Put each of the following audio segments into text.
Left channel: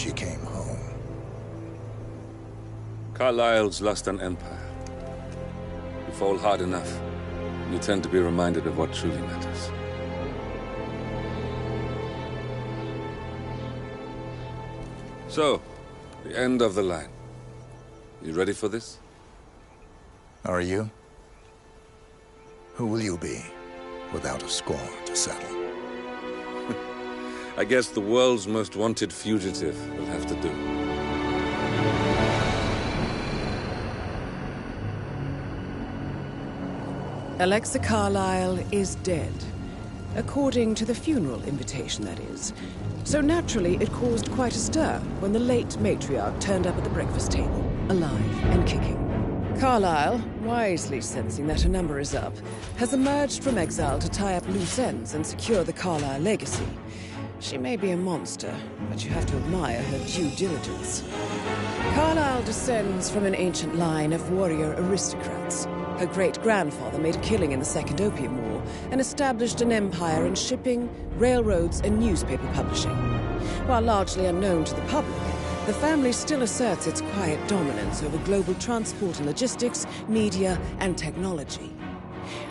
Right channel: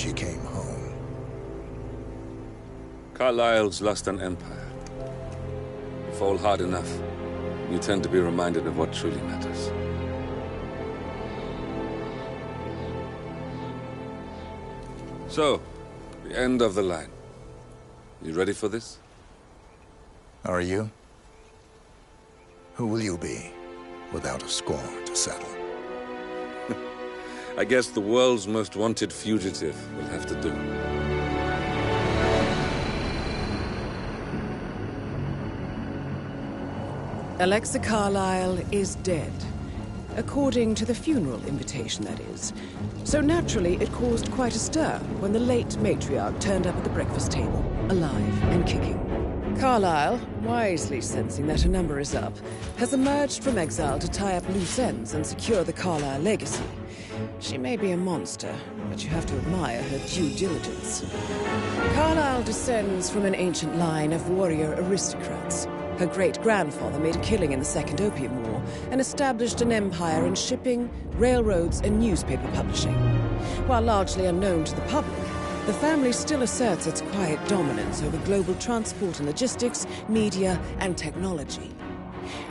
she came home. Carlyle's lost an empire. You fall hard enough, you tend to be reminded of what truly matters. So, the end of the line. You ready for this? Are you? Who will you be, without a score to settle? I guess the world's most wanted fugitive will have to do. Alexa Carlyle is dead. According to the funeral invitation, that is. So naturally, it caused quite a stir when the late matriarch turned up at the breakfast table, alive and kicking. Carlyle, wisely sensing that her number is up, has emerged from exile to tie up loose ends and secure the Carlyle legacy. She may be a monster, but you have to admire her due diligence. Carlyle descends from an ancient line of warrior aristocrats. Her great-grandfather made a killing in the Second Opium War and established an empire in shipping, railroads, and newspaper publishing. While largely unknown to the public, the family still asserts its quiet dominance over global transport and logistics, media, and technology.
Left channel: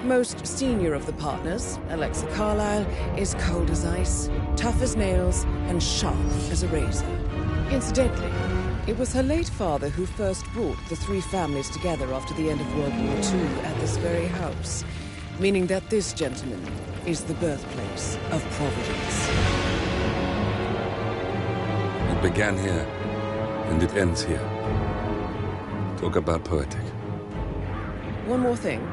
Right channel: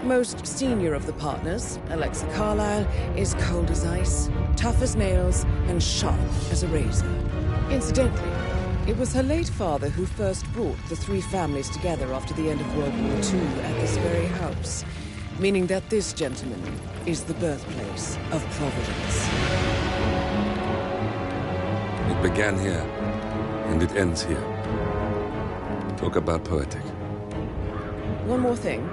Most senior of the partners, Alexa Carlyle, is cold as ice, tough as nails, and sharp as a razor. Incidentally, it was her late father who first brought the three families together after the end of World War II at this very house, meaning that this gentleman is the birthplace of Providence. It began here, and it ends here. Talk about poetic. One more thing.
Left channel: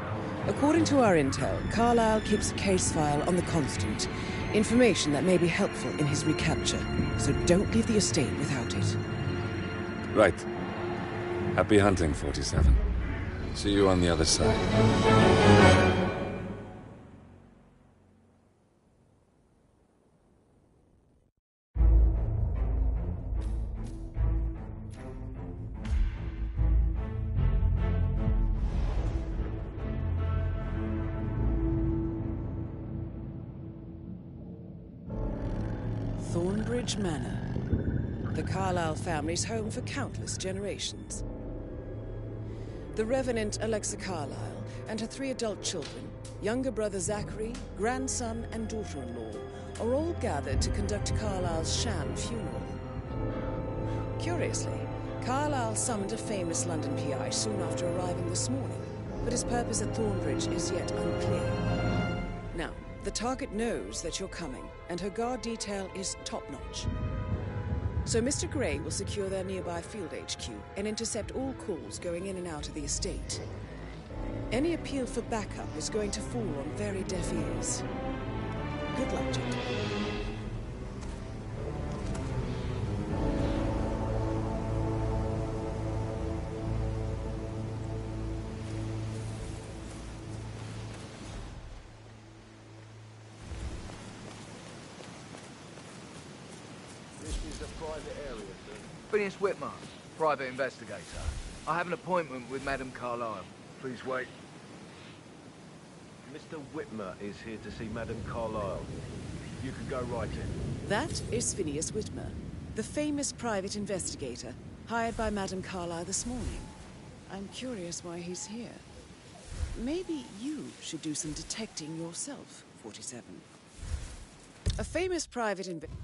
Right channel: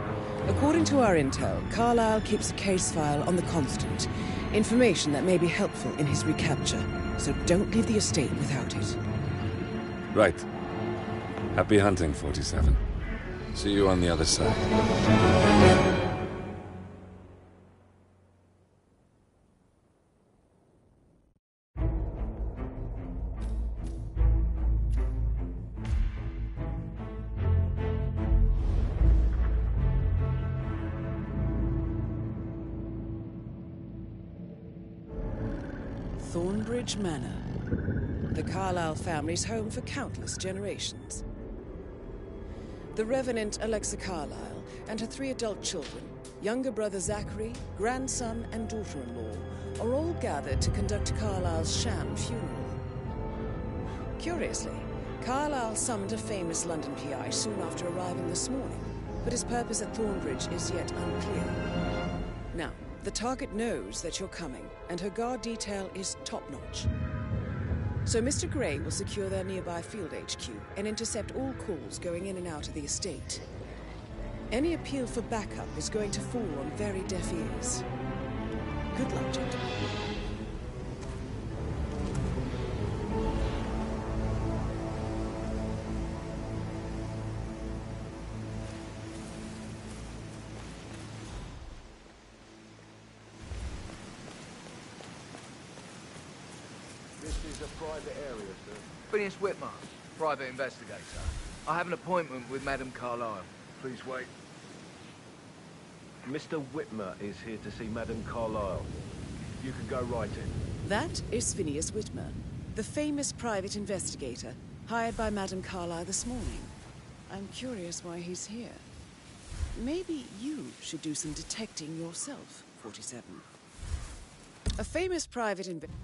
According to our intel, Carlyle keeps a case file on the Constant. Information that may be helpful in his recapture, so don't leave the estate without it. Right. Happy hunting, 47. See you on the other side. Thornbridge Manor. The Carlyle family's home for countless generations. The Revenant Alexa Carlyle and her 3 adult children, younger brother Zachary, grandson, and daughter-in-law, are all gathered to conduct Carlyle's sham funeral. Curiously, Carlyle summoned a famous London PI soon after arriving this morning, but his purpose at Thornbridge is yet unclear. Now, the target knows that you're coming, and her guard detail is top-notch. So Mr. Gray will secure their nearby field HQ and intercept all calls going in and out of the estate. Any appeal for backup is going to fall on very deaf ears. Good luck, gentlemen. Private area, sir. Phineas Whitmer, private investigator. I have an appointment with Madame Carlyle. Please wait. Mr. Whitmer is here to see Madame Carlyle. You can go right in. That is Phineas Whitmer, the famous private investigator hired by Madame Carlyle this morning. I'm curious why he's here. Maybe you should do some detecting yourself, 47. A famous private investigator.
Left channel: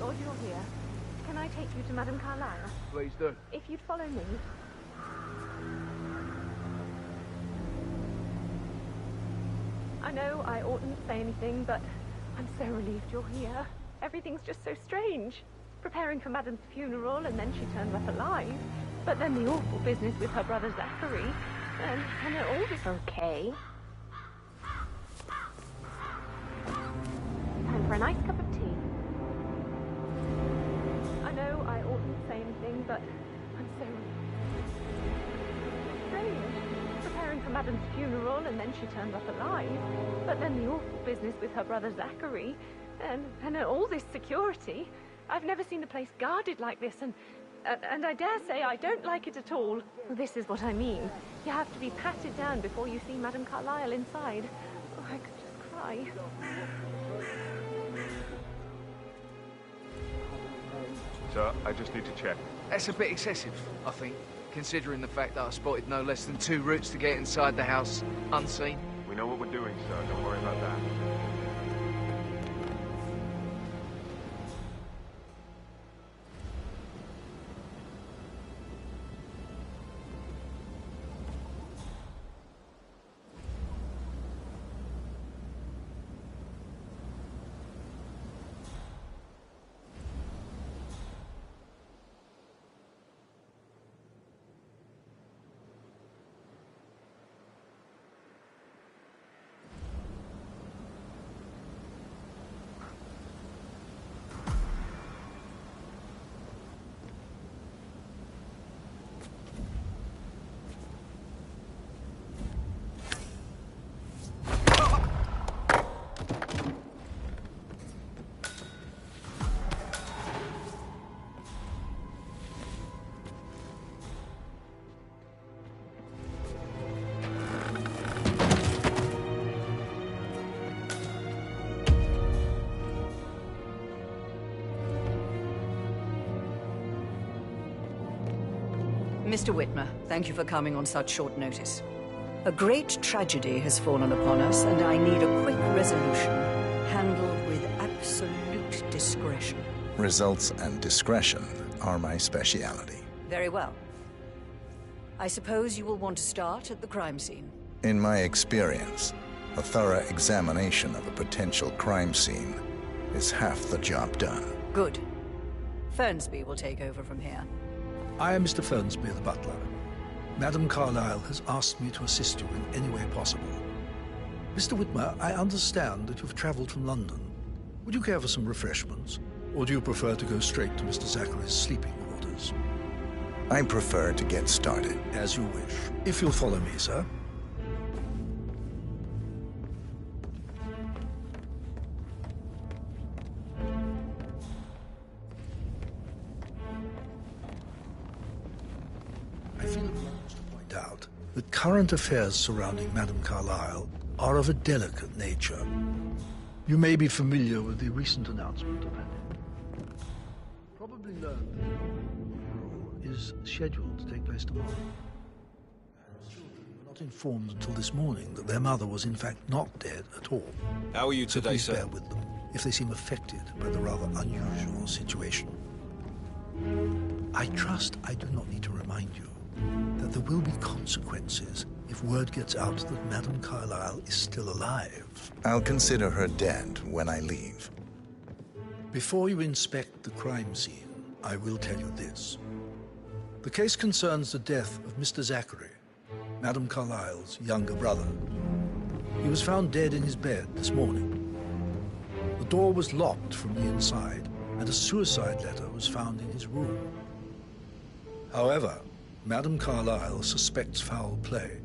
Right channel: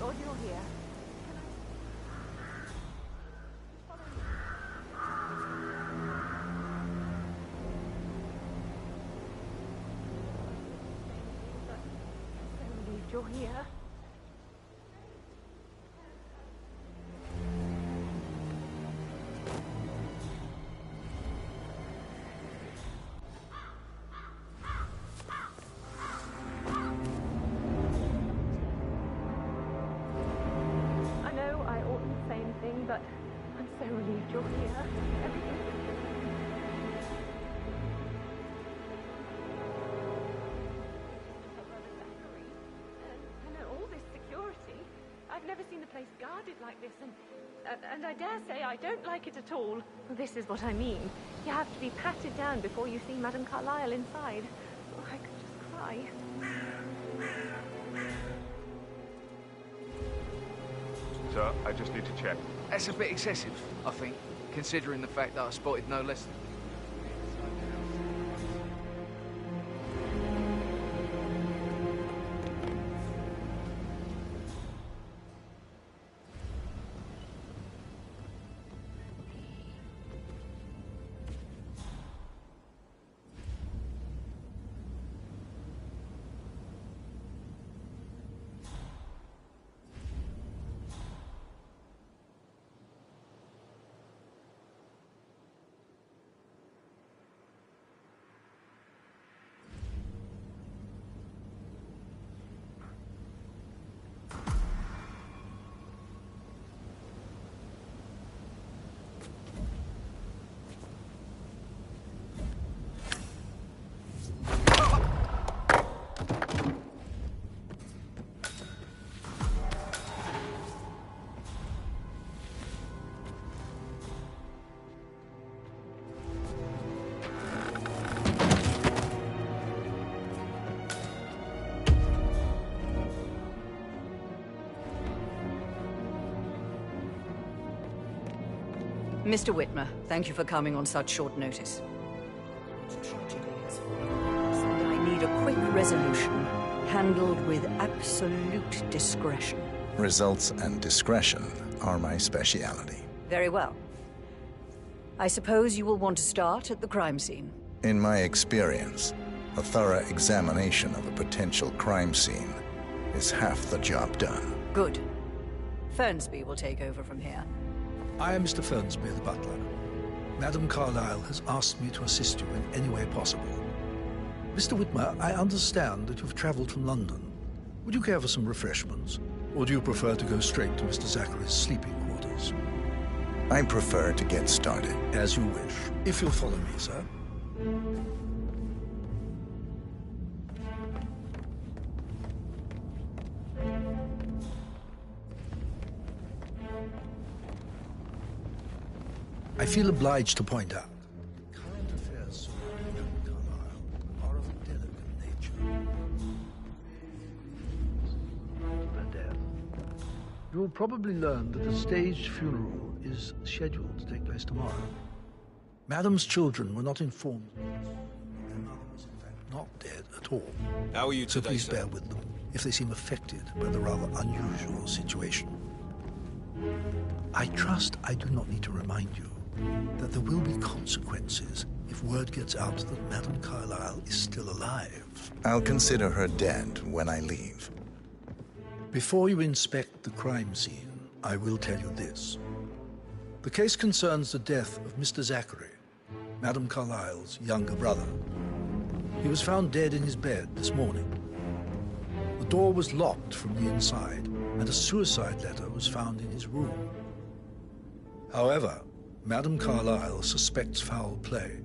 God you're here. Can I take you to Madame Carlyle? Please do. If you'd follow me. I know I oughtn't say anything, but I'm so relieved you're here. Everything's just so strange. Preparing for Madame's funeral, and then she turns up alive. But then the awful business with her brother Zachary, and it all just okay. Time for a nice cup of tea. I know I oughtn't say anything, but I'm so relieved you're here. Everything's so strange. Preparing for Madame's funeral, and then she turns up alive. But then the awful business with her brother Zachary, and all this security. I've never seen the place guarded like this, and I dare say I don't like it at all. This is what I mean. You have to be patted down before you see Madame Carlyle inside. Oh, I could just cry. Sir, I just need to check. That's a bit excessive, I think, considering the fact that I spotted no less than 2 routes to get inside the house unseen. We know what we're doing, sir. Don't worry about that. Mr. Whitmer, thank you for coming on such short notice. A great tragedy has fallen upon us, and I need a quick resolution, handled with absolute discretion. Results and discretion are my speciality. Very well. I suppose you will want to start at the crime scene. In my experience, a thorough examination of a potential crime scene is half the job done. Good. Fernsby will take over from here. I am Mr. Fernsby, the butler. Madame Carlyle has asked me to assist you in any way possible. Mr. Whitmer, I understand that you've traveled from London. Would you care for some refreshments? Or do you prefer to go straight to Mr. Zachary's sleeping quarters? I prefer to get started. As you wish. If you'll follow me, sir. I feel obliged to point out that current affairs surrounding Madame Carlyle are of a delicate nature. You may be familiar with the recent announcement of her death. You will probably learn that a staged funeral is scheduled to take place tomorrow. Madame's children were not informed until this morning that their mother was in fact not dead at all. How are you So today, please sir? bear with them if they seem affected by the rather unusual situation. I trust I do not need to remind you that there will be consequences if word gets out that Madame Carlyle is still alive. I'll consider her dead when I leave. Before you inspect the crime scene, I will tell you this. The case concerns the death of Mr. Zachary, Madame Carlyle's younger brother. He was found dead in his bed this morning. The door was locked from the inside, and a suicide letter was found in his room. However, Madame Carlyle suspects foul play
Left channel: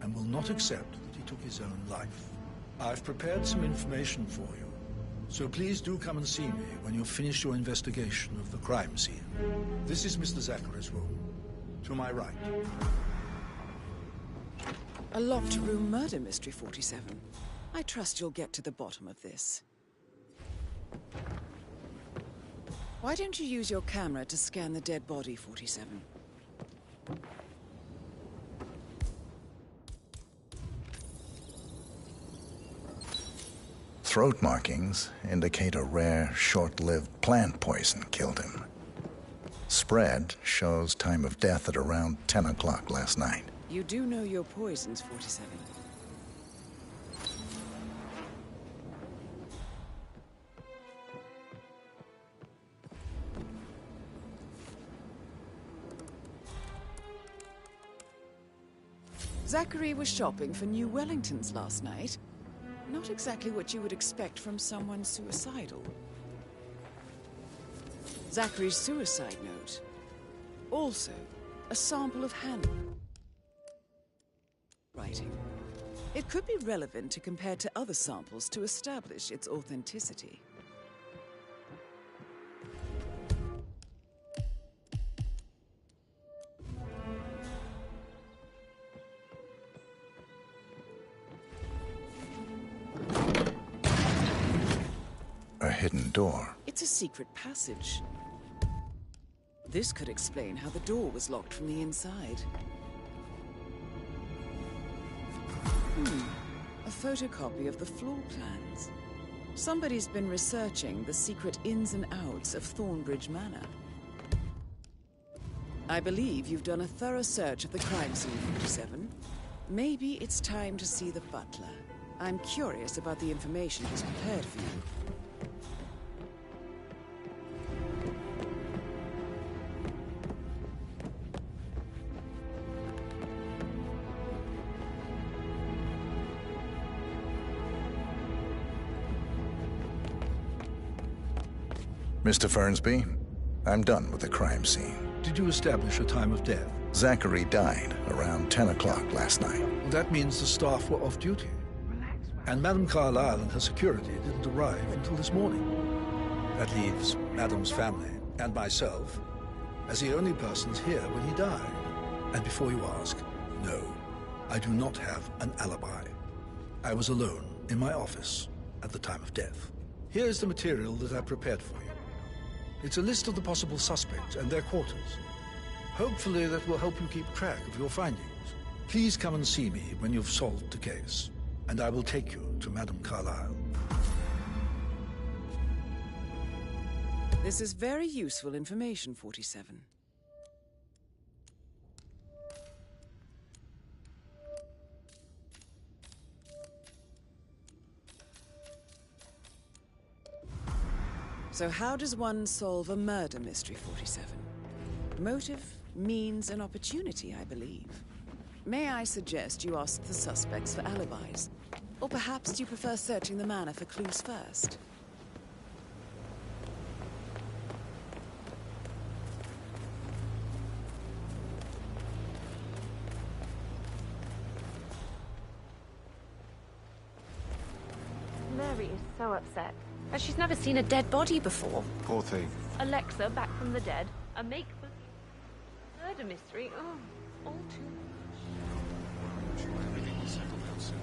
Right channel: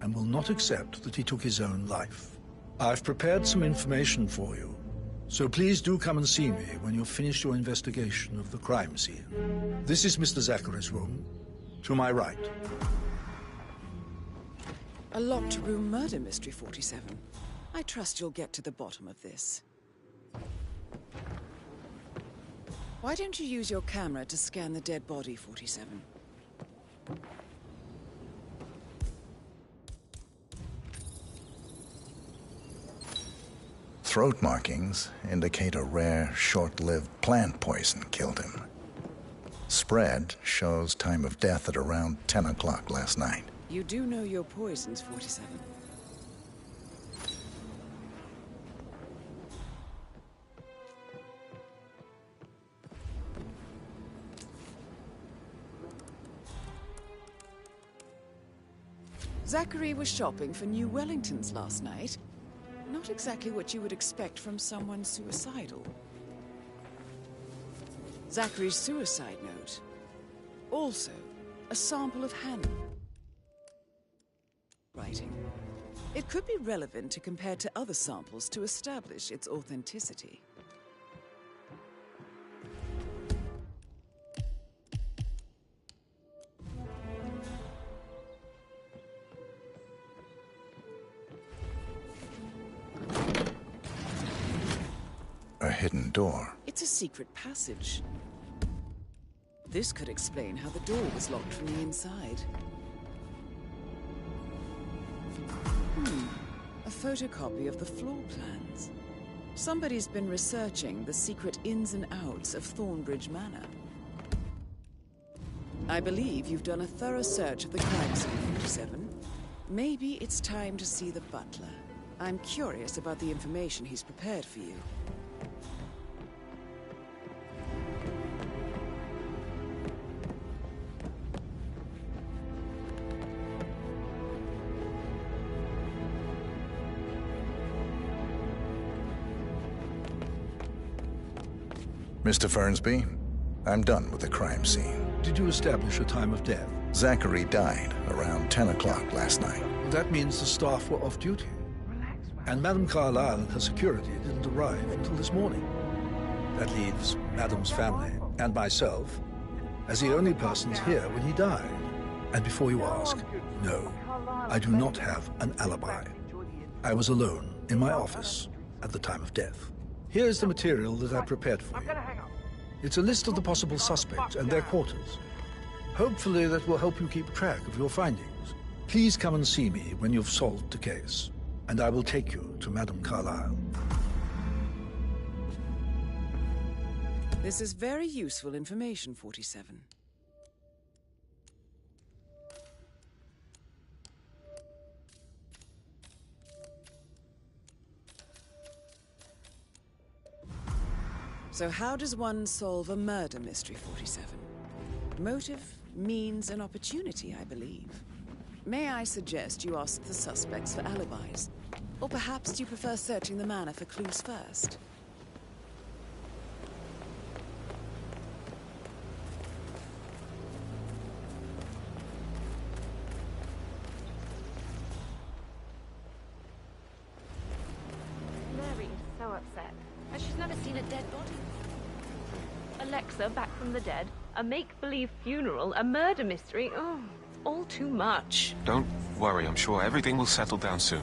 and will not accept that he took his own life. I've prepared some information for you, so please do come and see me when you've finished your investigation of the crime scene. This is Mr. Zachary's room, to my right. A locked room murder mystery, 47. I trust you'll get to the bottom of this. Why don't you use your camera to scan the dead body, 47? Throat markings indicate a rare, short-lived plant poison killed him. Spread shows time of death at around 10 o'clock last night. You do know your poisons, 47. Zachary was shopping for new Wellingtons last night. Not exactly what you would expect from someone suicidal. Zachary's suicide note. Also, a sample of handwriting. It could be relevant to compare to other samples to establish its authenticity. A hidden door. It's a secret passage. This could explain how the door was locked from the inside. A photocopy of the floor plans. Somebody's been researching the secret ins and outs of Thornbridge Manor. I believe you've done a thorough search of the crime scene, 47. Maybe it's time to see the butler. I'm curious about the information he's prepared for you. Mr. Fernsby, I'm done with the crime scene. Did you establish a time of death? Zachary died around 10 o'clock last night. Well, that means the staff were off duty. And Madame Carlyle and her security didn't arrive until this morning. That leaves Madame's family and myself as the only persons here when he died. And before you ask, no, I do not have an alibi. I was alone in my office at the time of death. Here is the material that I prepared for you. It's a list of the possible suspects and their quarters. Hopefully that will help you keep track of your findings. Please come and see me when you've solved the case, and I will take you to Madame Carlyle. This is very useful information, 47. So how does one solve a murder mystery, 47? Motive, means, and opportunity, I believe. May I suggest you ask the suspects for alibis? Or perhaps do you prefer searching the manor for clues first? Mary is so upset. And she's never seen a dead body before. Poor thing. Alexa back from the dead, a make-believe funeral, a murder mystery. Oh, all too much. Don't worry, I'm sure everything will settle down soon.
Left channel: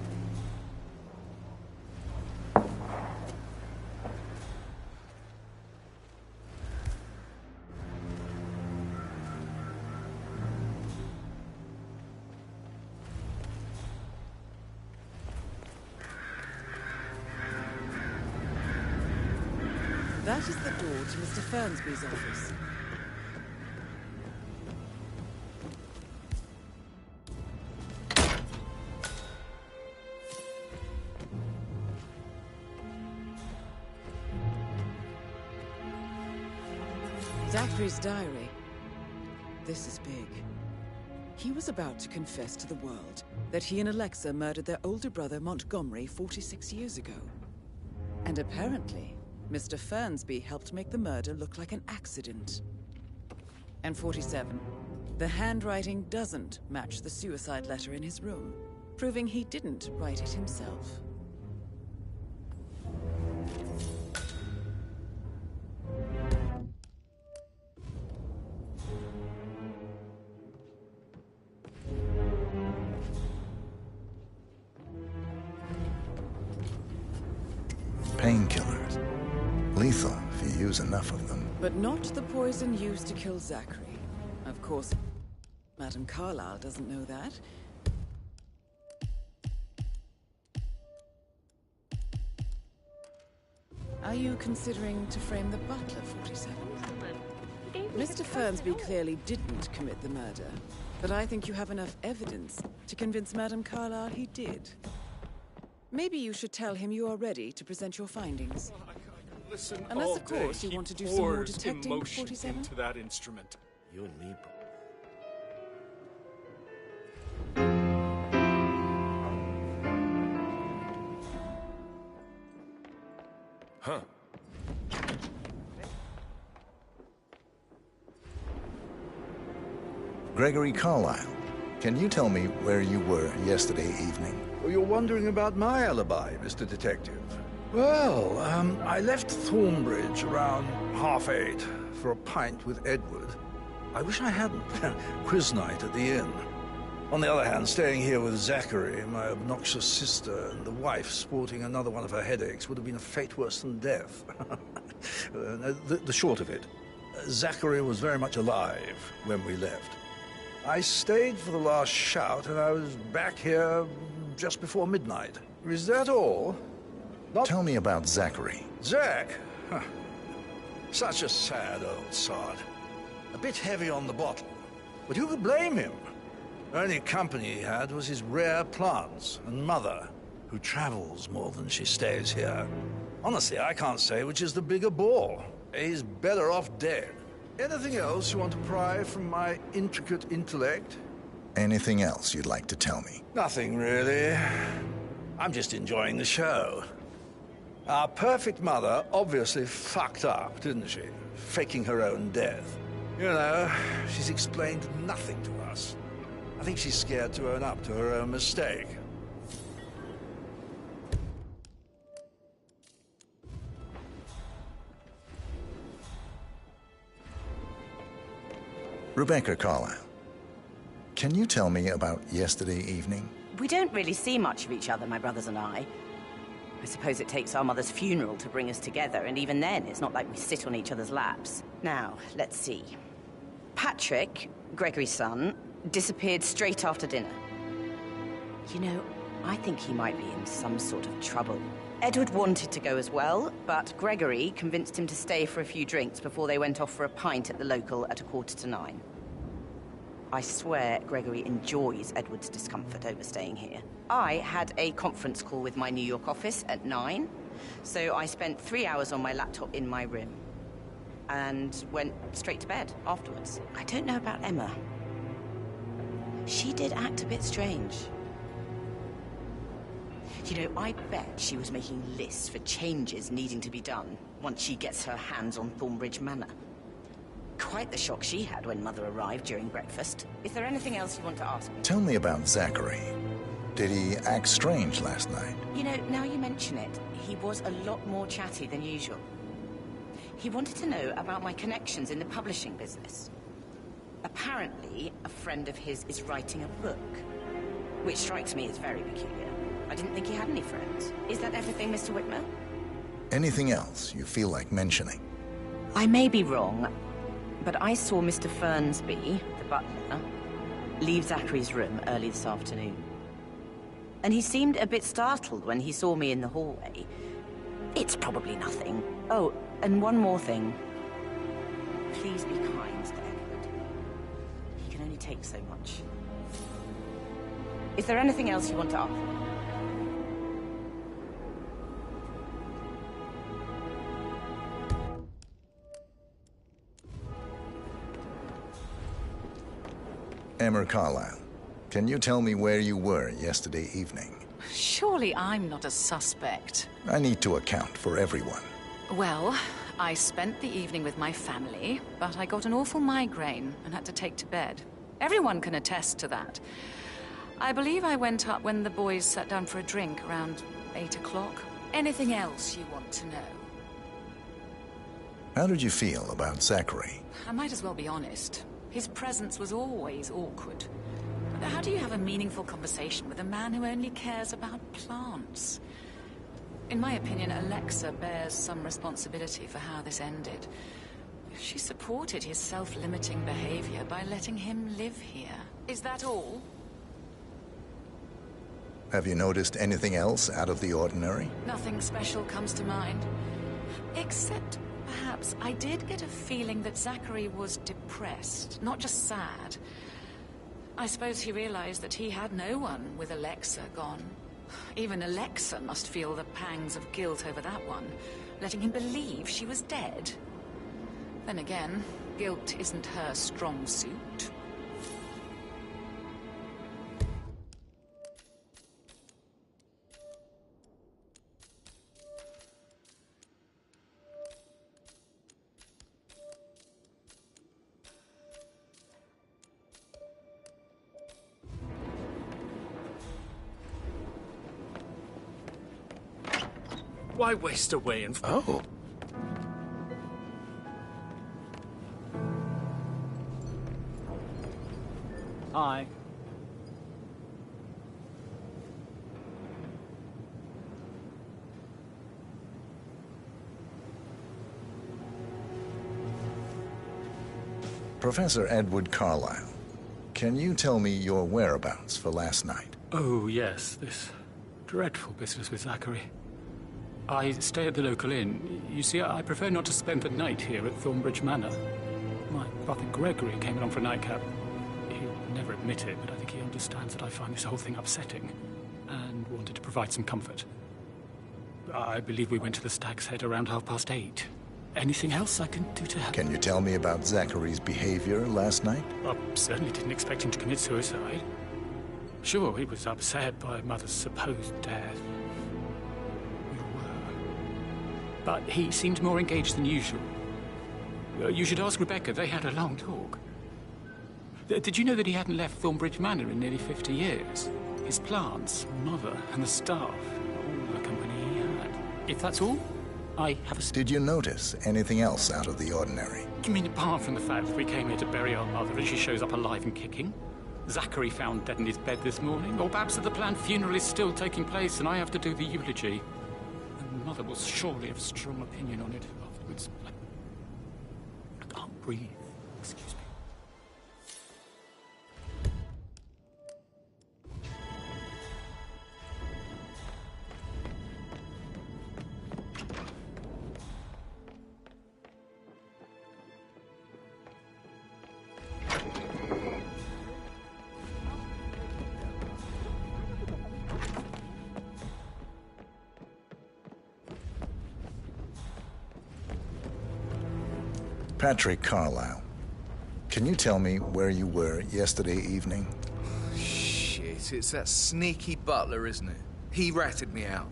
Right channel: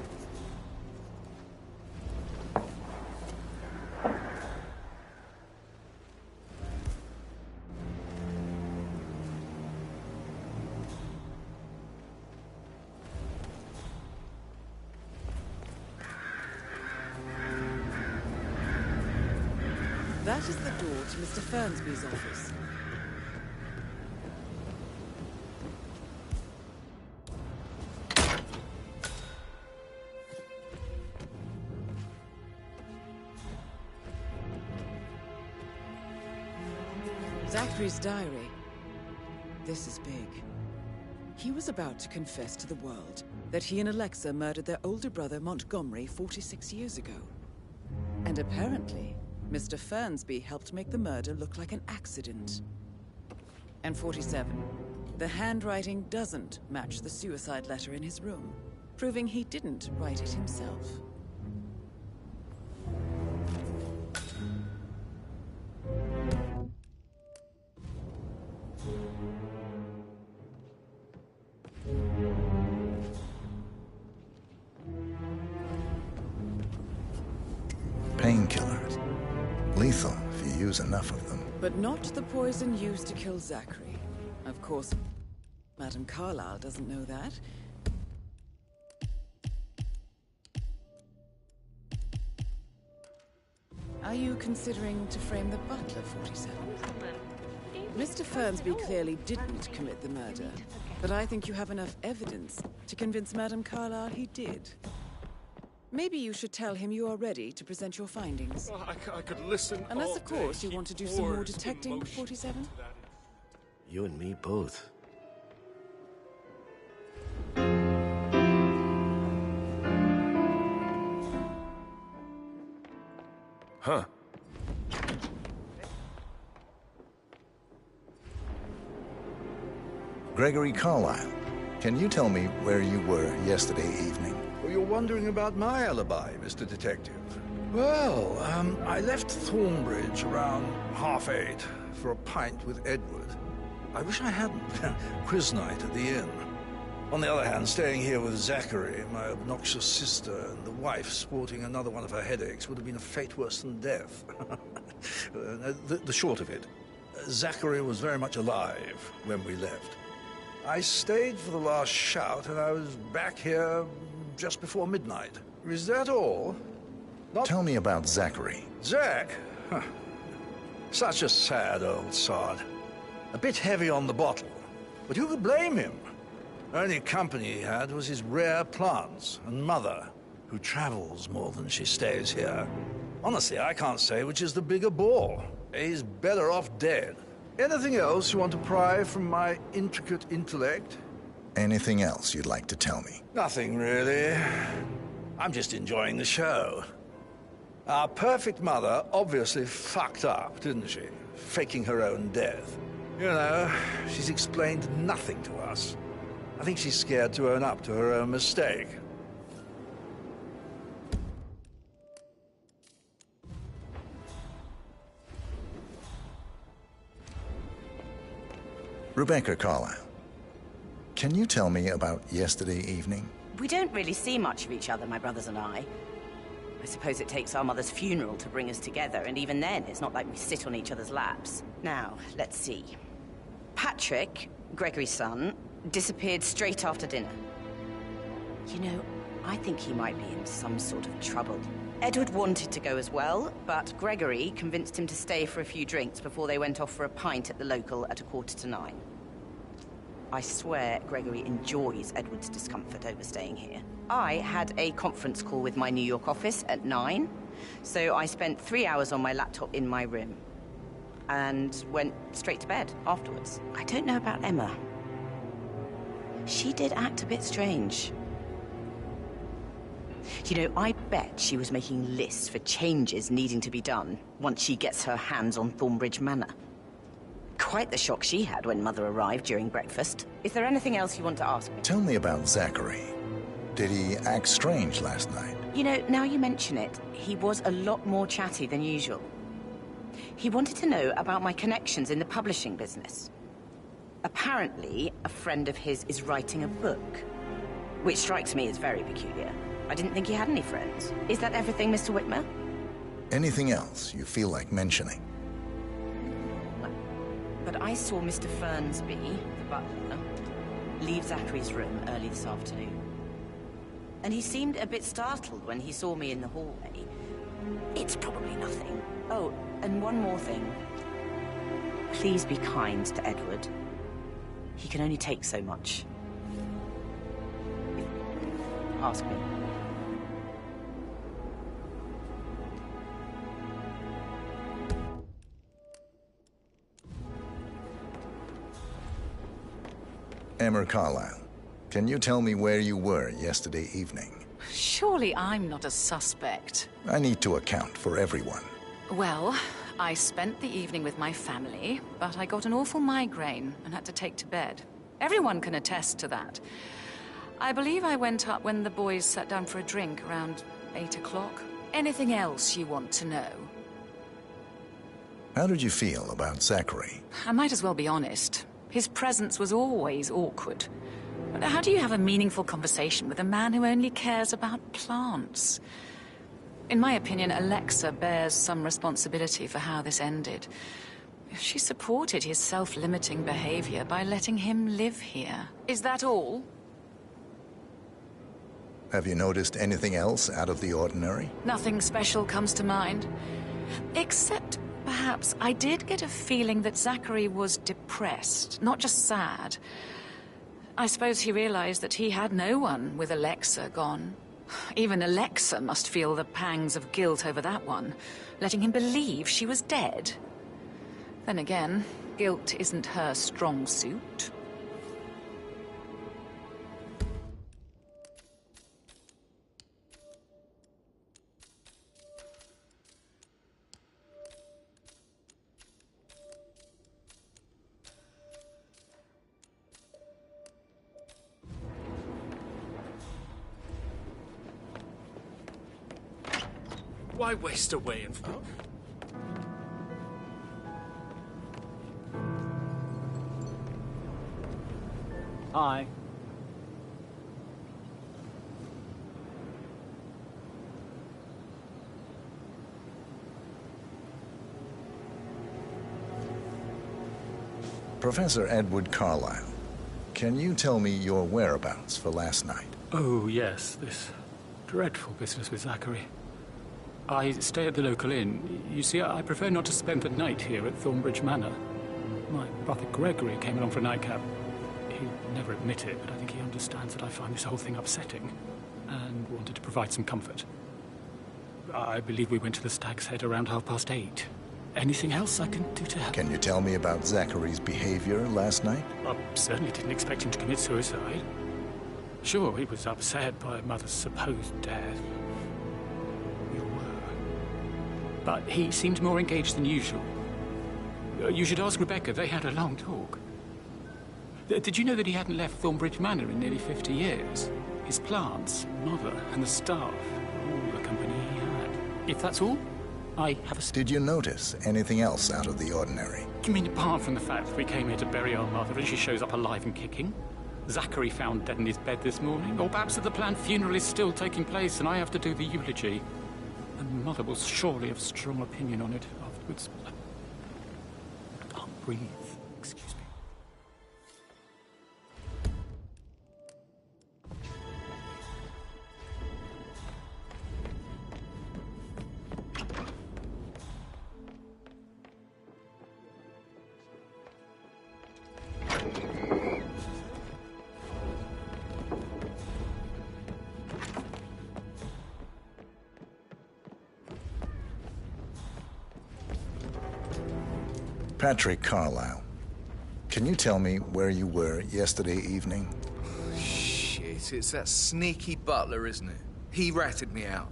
That is the door to Mr. Fernsby's office. Zachary's diary. This is big. He was about to confess to the world that he and Alexa murdered their older brother Montgomery 46 years ago. And apparently, Mr. Fernsby helped make the murder look like an accident. And 47. The handwriting doesn't match the suicide letter in his room, proving he didn't write it himself. Painkillers. Lethal if you use enough of them. But not the poison used to kill Zachary. Of course, Madame Carlyle doesn't know that. Are you considering to frame the butler, 47? Mr. Fernsby clearly didn't commit the murder, but I think you have enough evidence to convince Madame Carlyle he did. Maybe you should tell him you are ready to present your findings. I could listen Unless, all of course, day. you want to do He some more pours detecting, emotion 47? into that instrument. You and me both. Huh. Gregory Carlyle, can you tell me where you were yesterday evening? Oh, you're wondering about my alibi, Mr. Detective. Well, I left Thornbridge around 8:30 for a pint with Edward. I wish I hadn't. Quiz night at the inn. On the other hand, staying here with Zachary, my obnoxious sister, and the wife sporting another one of her headaches would have been a fate worse than death. The short of it, Zachary was very much alive when we left. I stayed for the last shout, and I was back here just before midnight. Is that all? Tell me about Zachary. Zach? Huh. Such a sad old sod. A bit heavy on the bottle, but who could blame him? Only company he had was his rare plants and mother, who travels more than she stays here. Honestly, I can't say which is the bigger bore. He's better off dead. Anything else you want to pry from my intricate intellect? Anything else you'd like to tell me? Nothing, really. I'm just enjoying the show. Our perfect mother obviously fucked up, didn't she? Faking her own death. You know, she's explained nothing to us. I think she's scared to own up to her own mistake. Rebecca Carlyle, can you tell me about yesterday evening? We don't really see much of each other, my brothers and I. I suppose it takes our mother's funeral to bring us together, and even then, it's not like we sit on each other's laps. Now, let's see. Patrick, Gregory's son, disappeared straight after dinner. You know, I think he might be in some sort of trouble. Edward wanted to go as well, but Gregory convinced him to stay for a few drinks before they went off for a pint at the local at 9:15. I swear Gregory enjoys Edward's discomfort over staying here. I had a conference call with my New York office at 9, so I spent 3 hours on my laptop in my room and went straight to bed afterwards. I don't know about Emma. She did act a bit strange. You know, I bet she was making lists for changes needing to be done once she gets her hands on Thornbridge Manor. Quite the shock she had when Mother arrived during breakfast. Is there anything else you want to ask me? Tell me about Zachary. Did he act strange last night? You know, now you mention it, he was a lot more chatty than usual. He wanted to know about my connections in the publishing business. Apparently, a friend of his is writing a book, which strikes me as very peculiar. I didn't think he had any friends. Is that everything, Mr. Whitmer? Anything else you feel like mentioning? I may be wrong, but I saw Mr. Fernsby, the butler, leave Zachary's room early this afternoon. And he seemed a bit startled when he saw me in the hallway. It's probably nothing. Oh, and one more thing. Please be kind to Edward. He can only take so much. Is there anything else you want to ask me? Emma Carlyle, can you tell me where you were yesterday evening? Surely I'm not a suspect. I need to account for everyone. Well, I spent the evening with my family, but I got an awful migraine and had to take to bed. Everyone can attest to that. I believe I went up when the boys sat down for a drink around 8 o'clock. Anything else you want to know? How did you feel about Zachary? I might as well be honest. His presence was always awkward. But how do you have a meaningful conversation with a man who only cares about plants? In my opinion, Alexa bears some responsibility for how this ended. She supported his self-limiting behavior by letting him live here. Is that all? Have you noticed anything else out of the ordinary? Nothing special comes to mind. Except, perhaps, I did get a feeling that Zachary was depressed, not just sad. I suppose he realized that he had no one with Alexa gone. Even Alexa must feel the pangs of guilt over that one, letting him believe she was dead. Then again, guilt isn't her strong suit. Why waste away and... Oh. Hi. Professor Edward Carlyle, can you tell me your whereabouts for last night? Oh, yes, this dreadful business with Zachary. I stay at the local inn. You see, I prefer not to spend the night here at Thornbridge Manor. My brother Gregory came along for a nightcap. He'll never admit it, but I think he understands that I find this whole thing upsetting and wanted to provide some comfort. I believe we went to the Stag's Head around 8:30. Anything else I can do to help? Can you tell me about Zachary's behavior last night? I certainly didn't expect him to commit suicide. Sure, he was upset by Mother's supposed death. We all were. But he seemed more engaged than usual. You should ask Rebecca. They had a long talk. Did you know that he hadn't left Thornbridge Manor in nearly 50 years? His plants, Mother, and the staff, all the company he had. If that's all, I have a... Did you notice anything else out of the ordinary? You mean apart from the fact that we came here to bury our mother and she shows up alive and kicking? Zachary found dead in his bed this morning? Or perhaps that the planned funeral is still taking place and I have to do the eulogy? And Mother will surely have a strong opinion on it afterwards. I can't breathe. Excuse me. Patrick Carlyle, can you tell me where you were yesterday evening? Shit, it's that sneaky butler, isn't it? He ratted me out.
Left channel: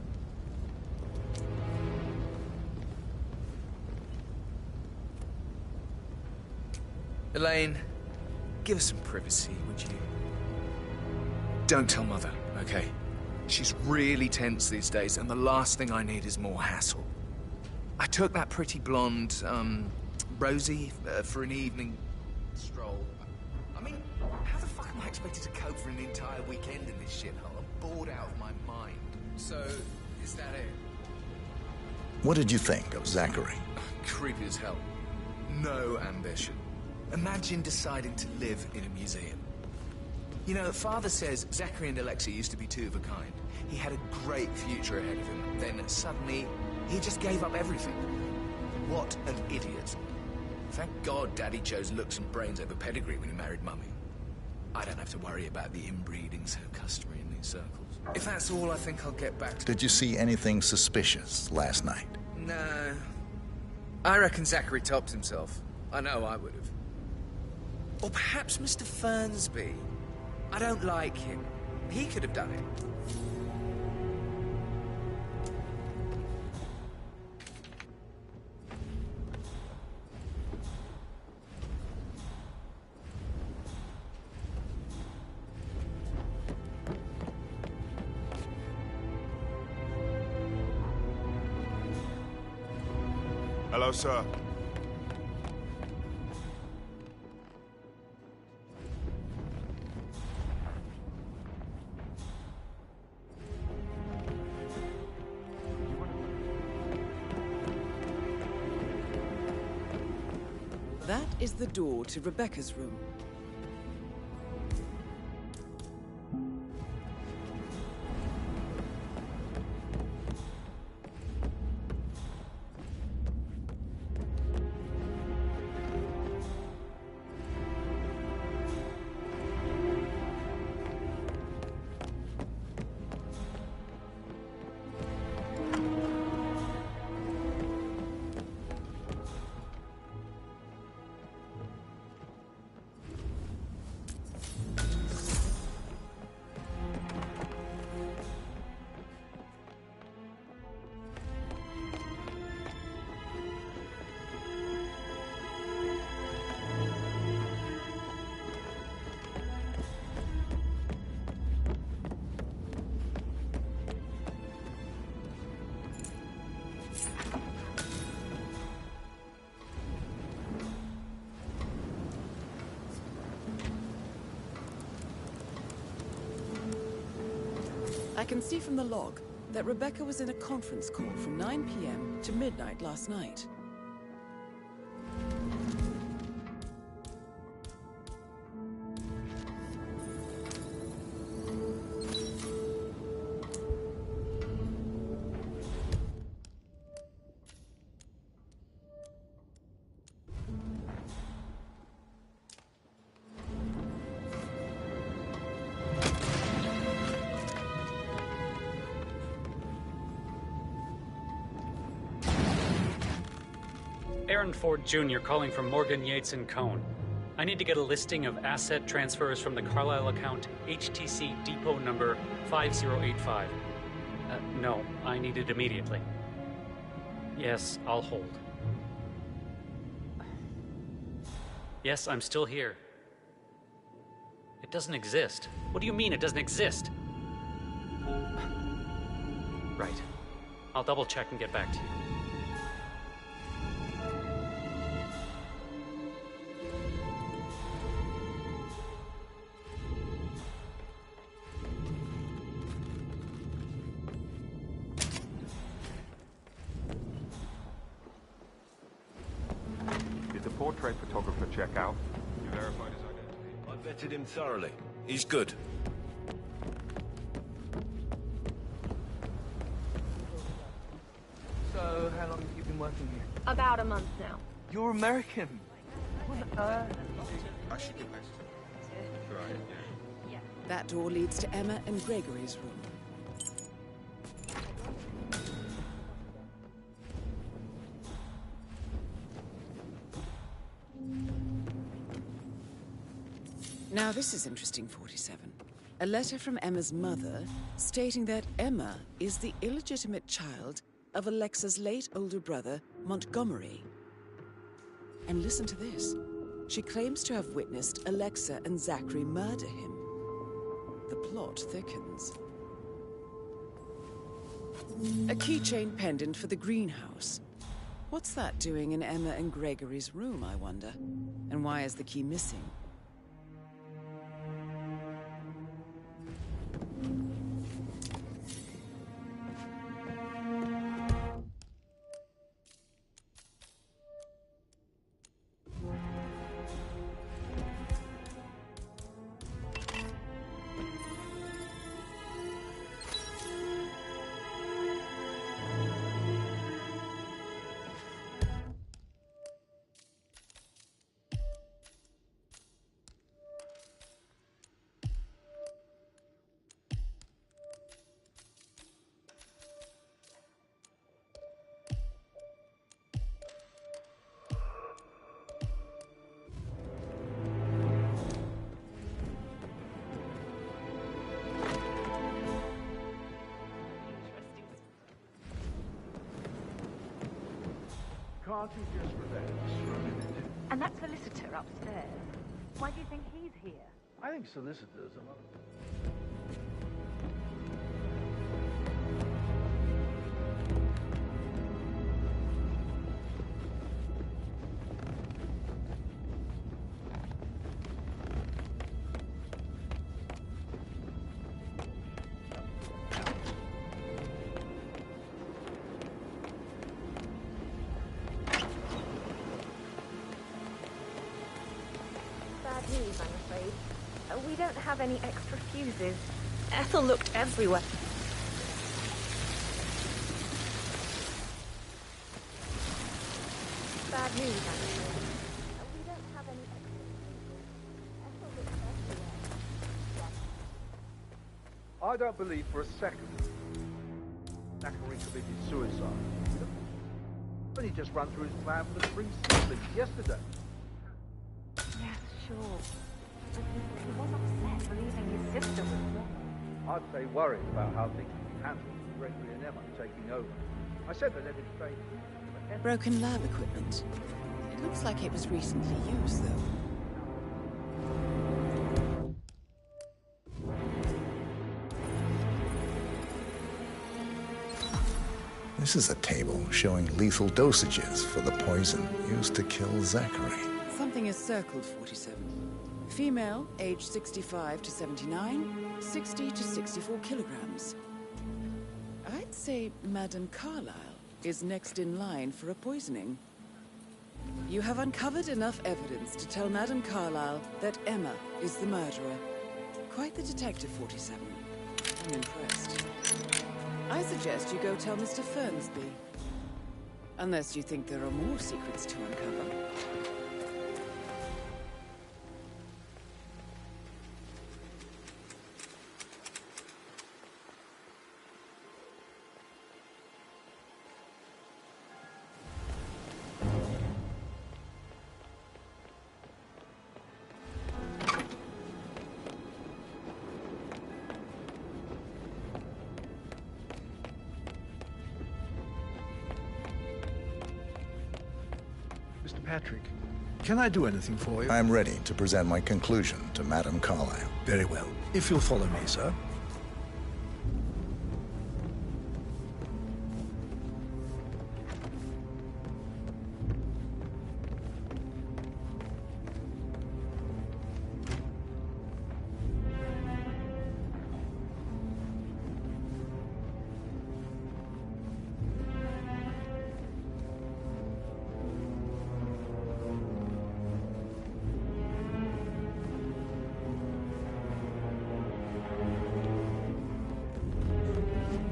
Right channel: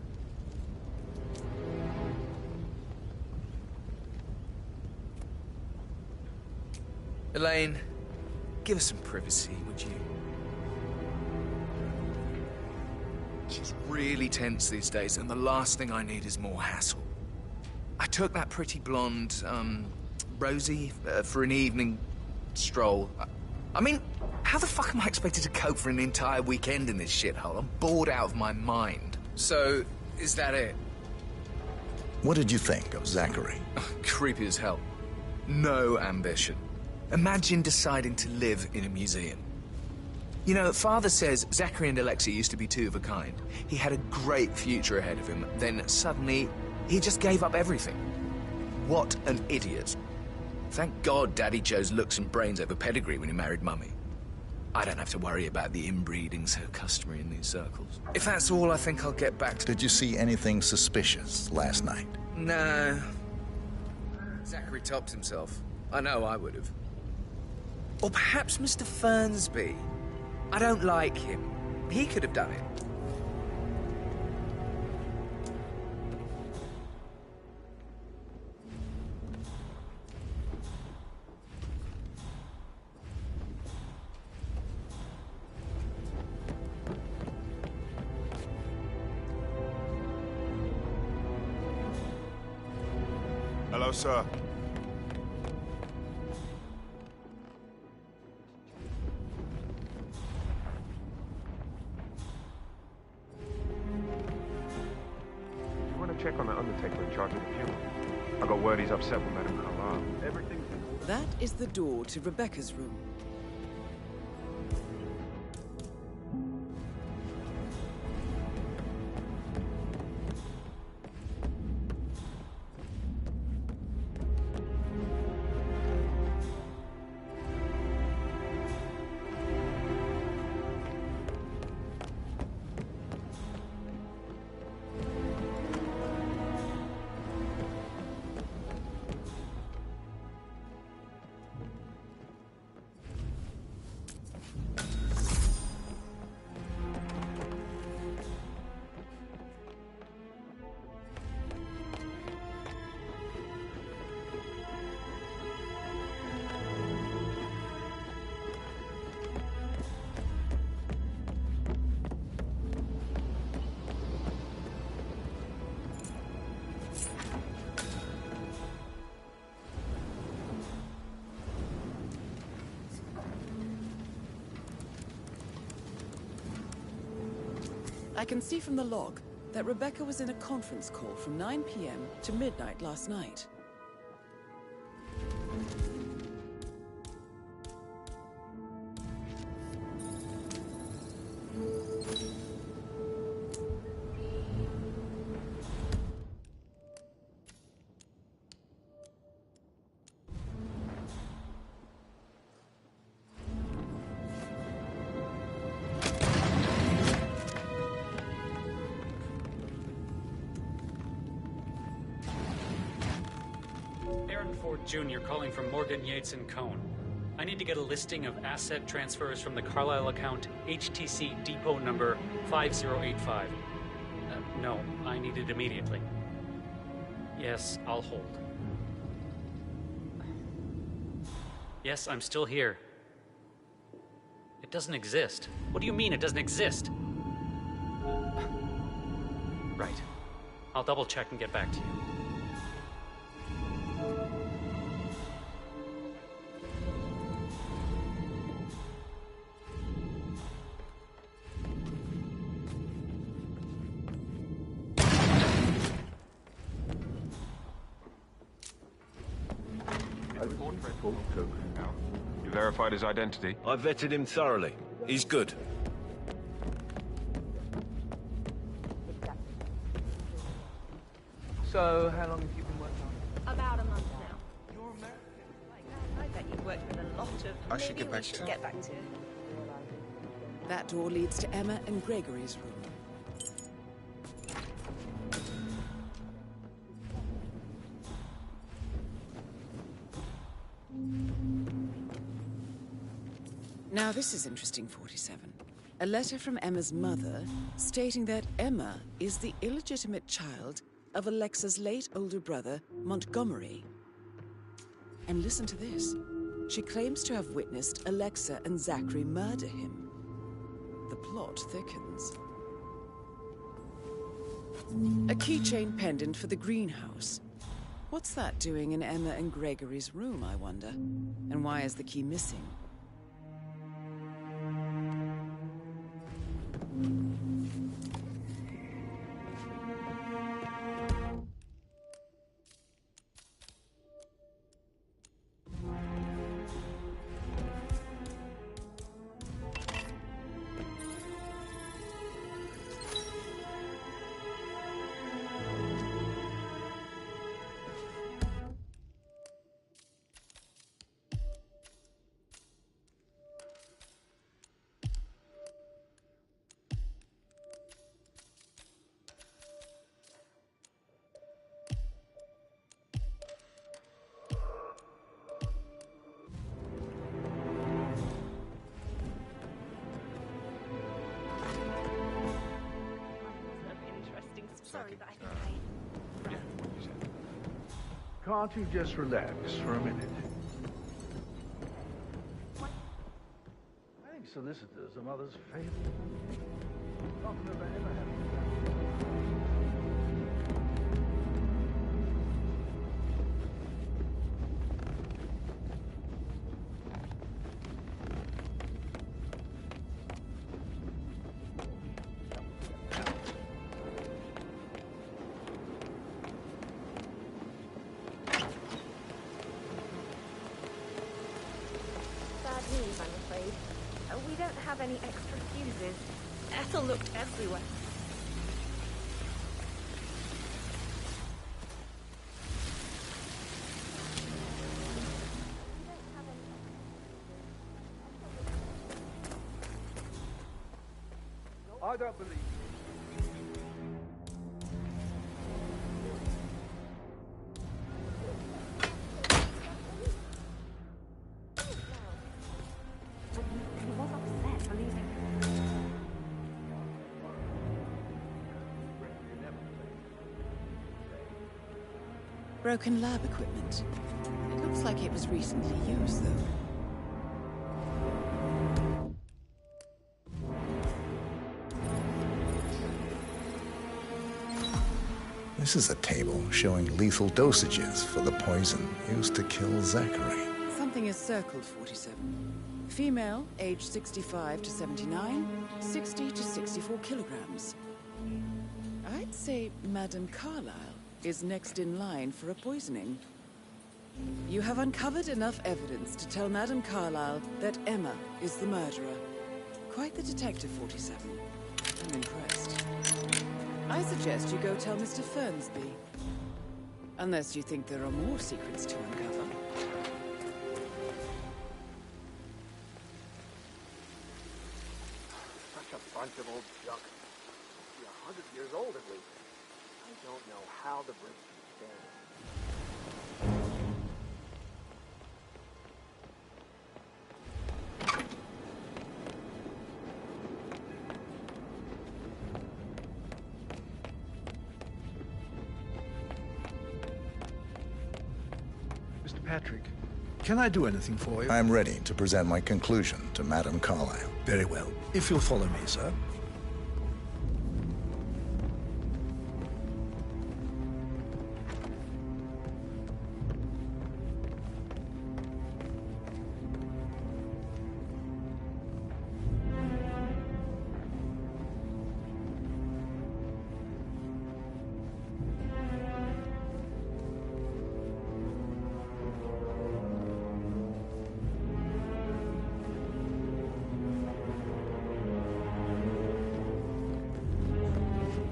Elaine, give us some privacy, would you? Don't tell Mother, okay? She's really tense these days, and the last thing I need is more hassle. I took that pretty blonde, Rosie, for an evening stroll. I mean, how the fuck am I expected to cope for an entire weekend in this shithole? I'm bored out of my mind. So, is that it? What did you think of Zachary? Creepy as hell. No ambition. Imagine deciding to live in a museum. You know, Father says Zachary and Alexia used to be two of a kind. He had a great future ahead of him. Then suddenly, he just gave up everything. What an idiot. Thank God Daddy chose looks and brains over pedigree when he married Mummy. I don't have to worry about the inbreeding so customary in these circles. If that's all, I think I'll get back to... Did you see anything suspicious last night? No. I reckon Zachary topped himself. I know I would have. Or perhaps Mr. Fernsby. I don't like him. He could have done it. Hello, sir. You want to check on that undertaker in charge of the funeral? I got word he's upset with Madame Carlyle. Everything... That is the door to Rebecca's room. I can see from the log that Rebecca was in a conference call from 9 p.m. to midnight last night. Aaron Ford Jr. calling from Morgan, Yates & Cohn. I need to get a listing of asset transfers from the Carlisle account HTC depot number 5085. No, I need it immediately. Yes, I'll hold. Yes, I'm still here. It doesn't exist. What do you mean it doesn't exist? Right. I'll double check and get back to you. Portrait photographer check out. You verified his identity? I vetted him thoroughly. He's good. So, how long have you been working here? About a month now. You're American. I should get back to you. That door leads to Emma and Gregory's room. Now this is interesting, 47. A letter from Emma's mother stating that Emma is the illegitimate child of Alexa's late older brother, Montgomery. And listen to this. She claims to have witnessed Alexa and Zachary murder him. The plot thickens. A keychain pendant for the greenhouse. What's that doing in Emma and Gregory's room, I wonder? And why is the key missing? Can't you just relax for a minute? And that solicitor upstairs. Why do you think he's here? I think solicitors are mother's favorite. Not that they ever have. Bad news, I'm afraid. We don't have any extra fuses. Ethel looked everywhere. Bad news, I'm afraid. We don't have any extra fuses. Ethel looked everywhere. I don't believe for a second Zachary committed suicide. But he just ran through his plan for the precinct yesterday. But he was upset, believing his sister was... I'd say worried about how things would handle with Gregory and Emma taking over. I said that everything. Broken lab equipment. It looks like it was recently used, though. This is a table showing lethal dosages for the poison used to kill Zachary. Something is circled, 47. Female, age 65 to 79, 60 to 64 kilograms. I'd say Madame Carlyle is next in line for a poisoning. You have uncovered enough evidence to tell Madame Carlyle that Emma is the murderer. Quite the detective, 47. I'm impressed. I suggest you go tell Mr. Fernsby. Unless you think there are more secrets to uncover. Such a bunch of old junk. 100 years old at least. I don't know how the British stand it. Mr. Patrick, can I do anything for you? I'm ready to present my conclusion to Madame Carlyle. Very well. If you'll follow me, sir.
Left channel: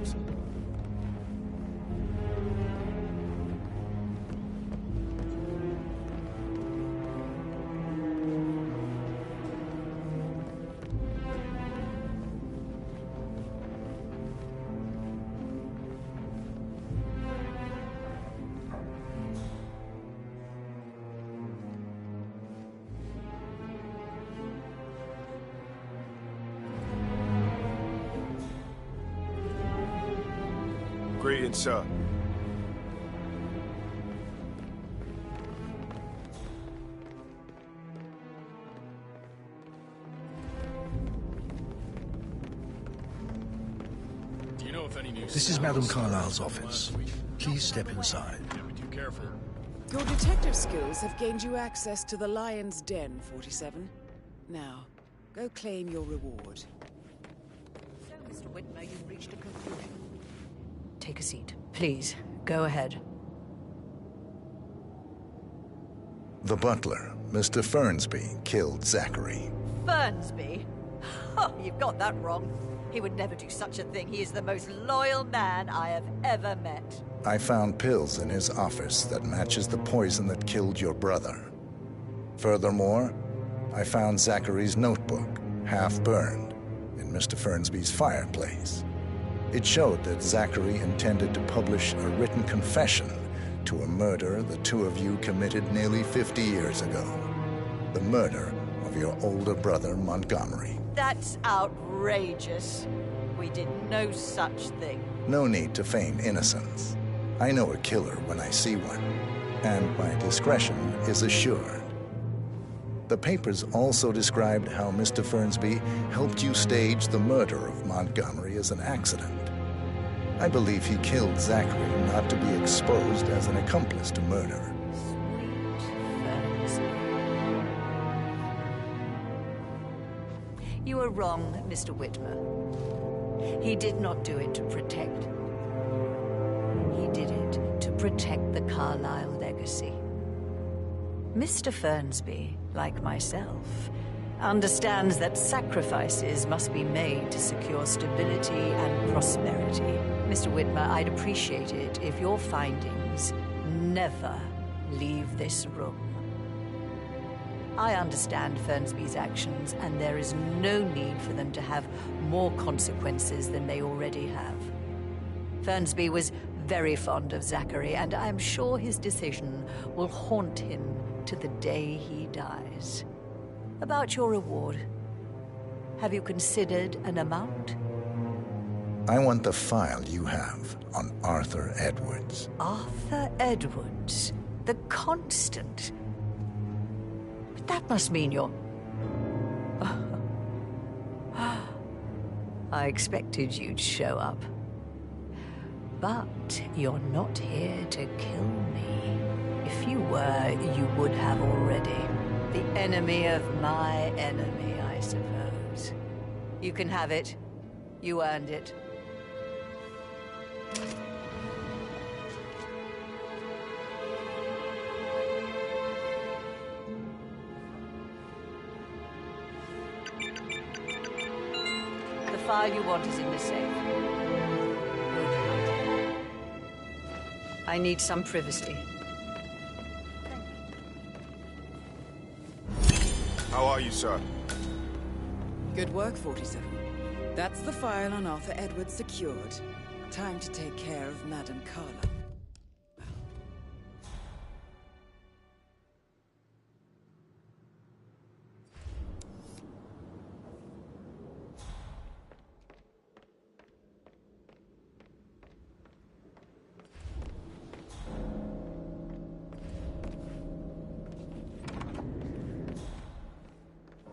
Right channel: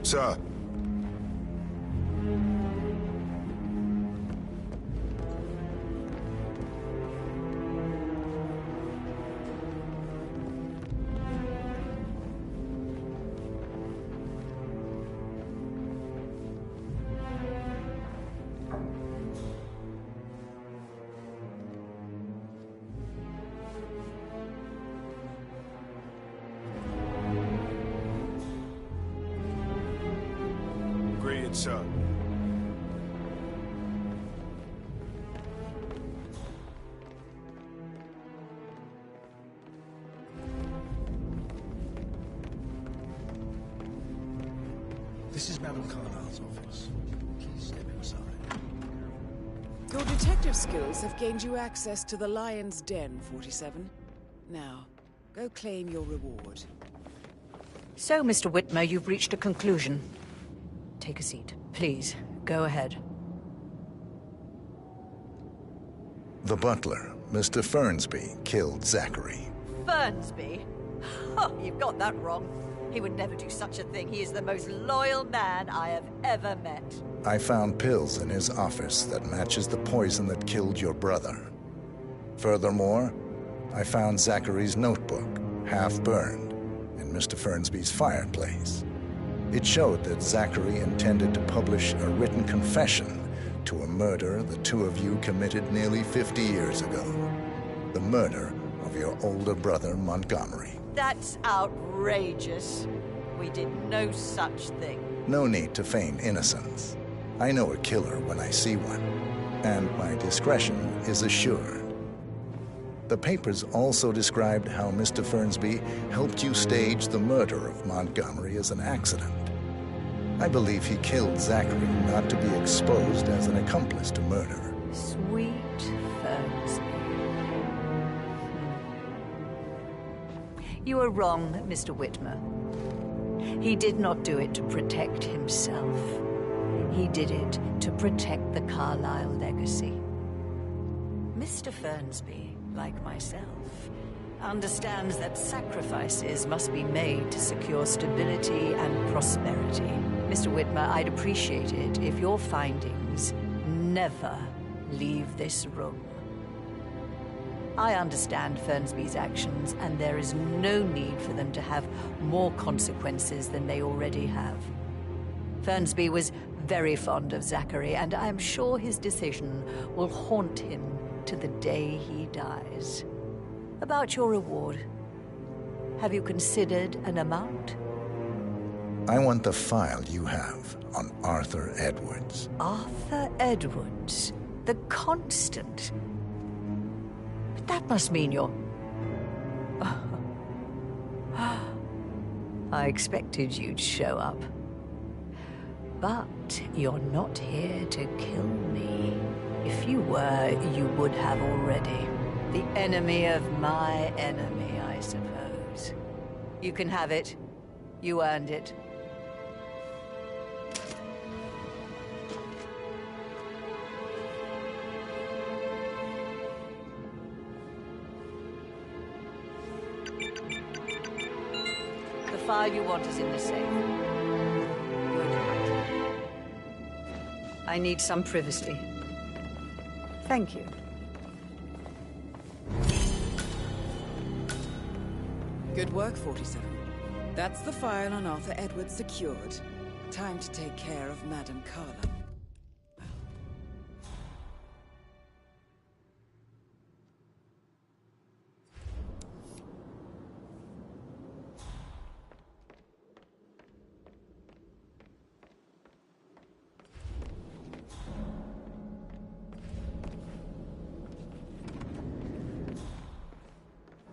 Sir. Greetings, sir. This is Madame Carlyle's office. Please step inside. Your detective skills have gained you access to the Lion's Den, 47. Now, go claim your reward. So, Mr. Whitmer, you've reached a conclusion. Take a seat. Please, go ahead. The butler, Mr. Fernsby, killed Zachary. Fernsby? Oh, you've got that wrong. He would never do such a thing. He is the most loyal man I have ever met. I found pills in his office that matches the poison that killed your brother. Furthermore, I found Zachary's notebook, half burned, in Mr. Fernsby's fireplace. It showed that Zachary intended to publish a written confession to a murder the two of you committed nearly 50 years ago. The murder of your older brother, Montgomery. That's outrageous. We did no such thing. No need to feign innocence. I know a killer when I see one, and my discretion is assured. The papers also described how Mr. Fernsby helped you stage the murder of Montgomery as an accident. I believe he killed Zachary not to be exposed as an accomplice to murder. Sweet Fernsby. You are wrong, Mr. Whitmer. He did not do it to protect himself. He did it to protect the Carlyle legacy. Mr. Fernsby, like myself, understands that sacrifices must be made to secure stability and prosperity. Mr. Whitmer, I'd appreciate it if your findings never leave this room. I understand Fernsby's actions, and there is no need for them to have more consequences than they already have. Fernsby was very fond of Zachary, and I'm sure his decision will haunt him to the day he dies. About your reward, have you considered an amount? I want the file you have on Arthur Edwards. Arthur Edwards, the Constant. But that must mean you're... I expected you'd show up. But you're not here to kill me. If you were, you would have already. The enemy of my enemy, I suppose. You can have it. You earned it. file you want is in the safe. Good hunting. I need some privacy. Thank you. How are you, sir? Good work, 47. That's the file on Arthur Edwards secured. Time to take care of Madame Carla.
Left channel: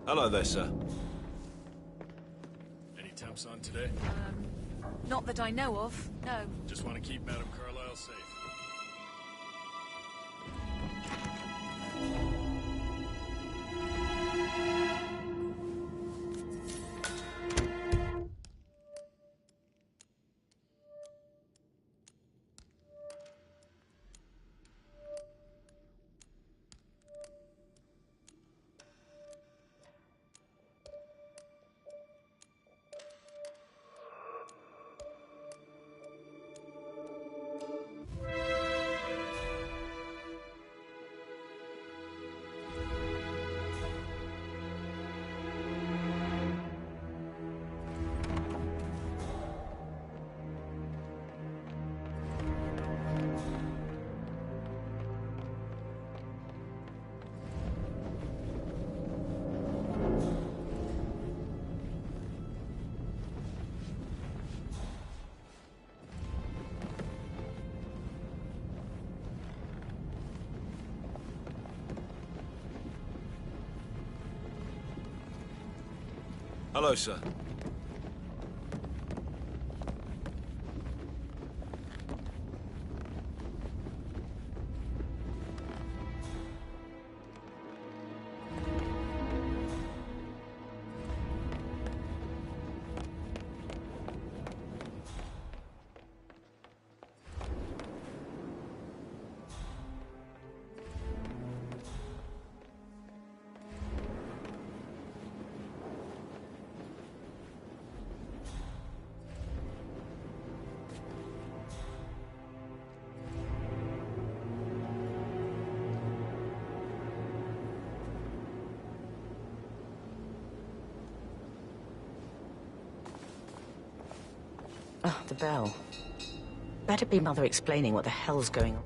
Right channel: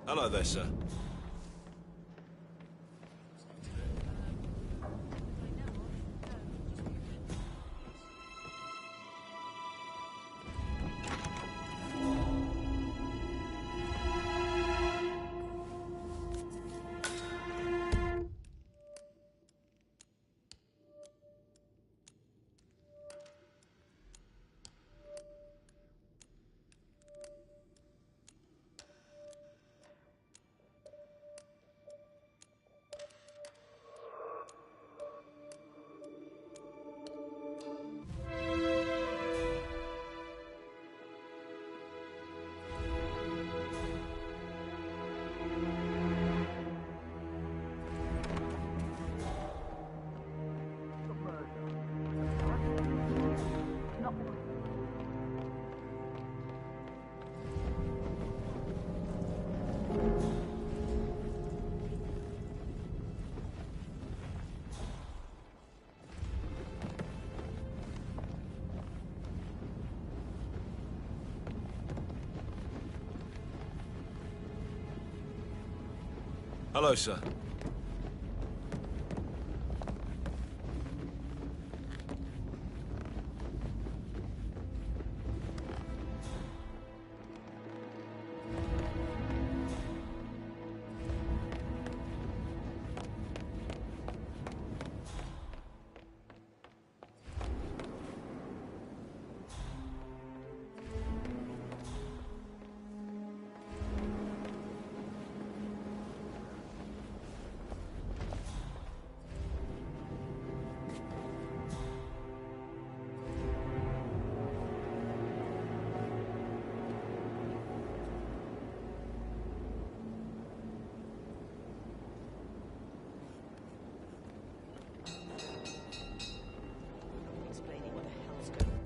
Hello there, sir. Any temps on today? Not that I know of, no. Just want to keep Madame Carlisle safe. Hello, sir. Oh, the bell. Better be Mother explaining what the hell's going on.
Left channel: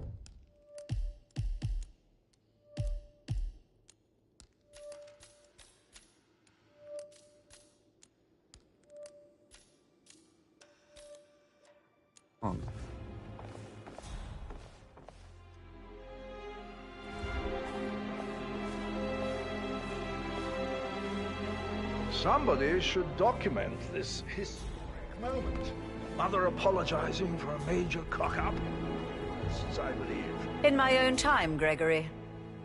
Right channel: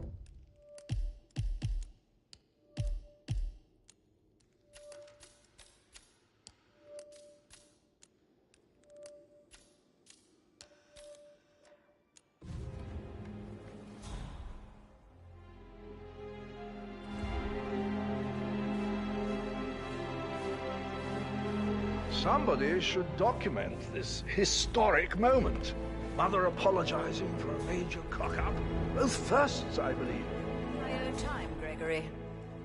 Somebody should document this historic moment. Mother apologizing for a major cock-up. Both firsts, I believe. In my own time, Gregory.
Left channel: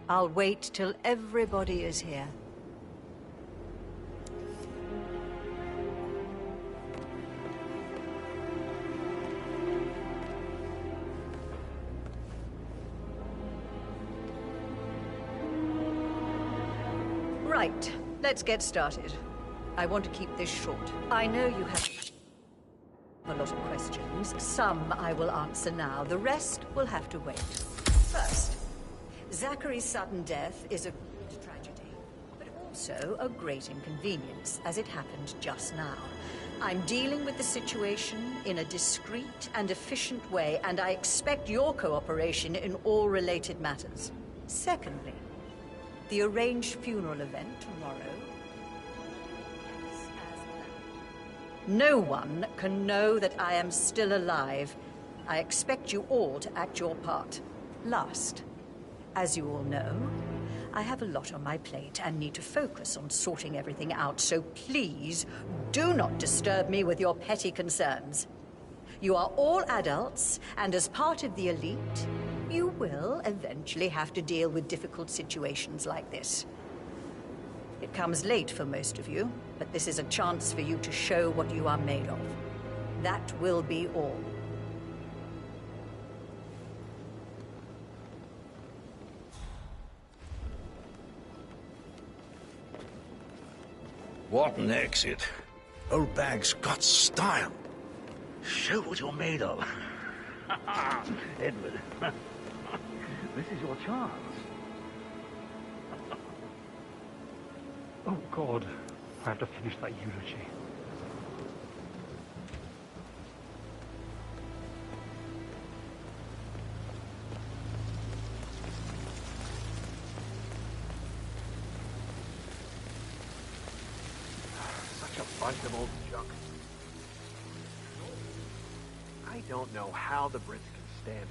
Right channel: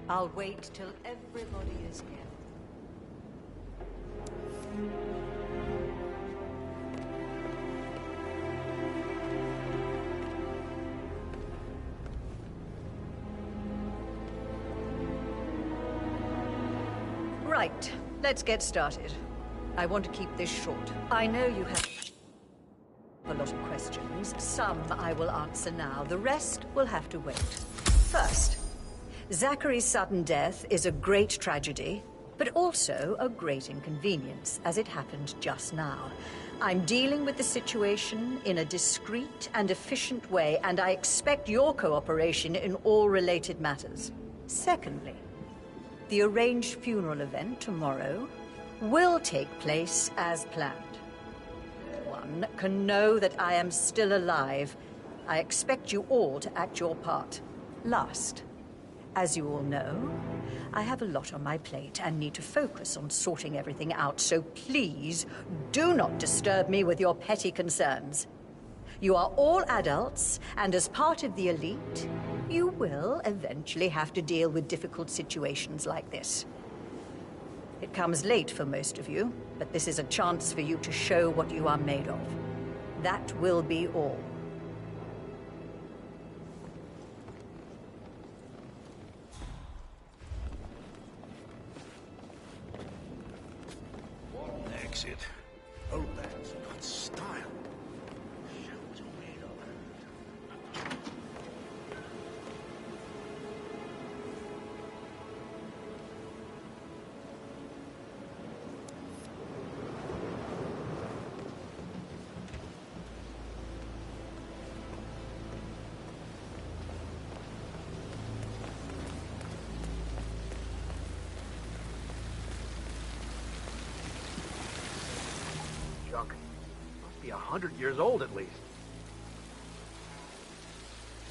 I'll wait till everybody is here. Right, let's get started. I want to keep this short. I know you have a lot of questions. Some I will answer now. The rest will have to wait. First, Zachary's sudden death is a great tragedy, but also a great inconvenience, as it happened just now. I'm dealing with the situation in a discreet and efficient way, and I expect your cooperation in all related matters. Secondly, the arranged funeral event tomorrow will take place as planned. No one can know that I am still alive. I expect you all to act your part. Last, as you all know, I have a lot on my plate and need to focus on sorting everything out, so please do not disturb me with your petty concerns. You are all adults, and as part of the elite, you will eventually have to deal with difficult situations like this. It comes late for most of you, but this is a chance for you to show what you are made of. That will be all. What an exit. Old bag's got style. Show what you're made of. Edward, this is your chance. Oh, God. I have to finish that eulogy. Bunch of old junk. Must be 100 years old at least. I don't know how the Brits can stand it.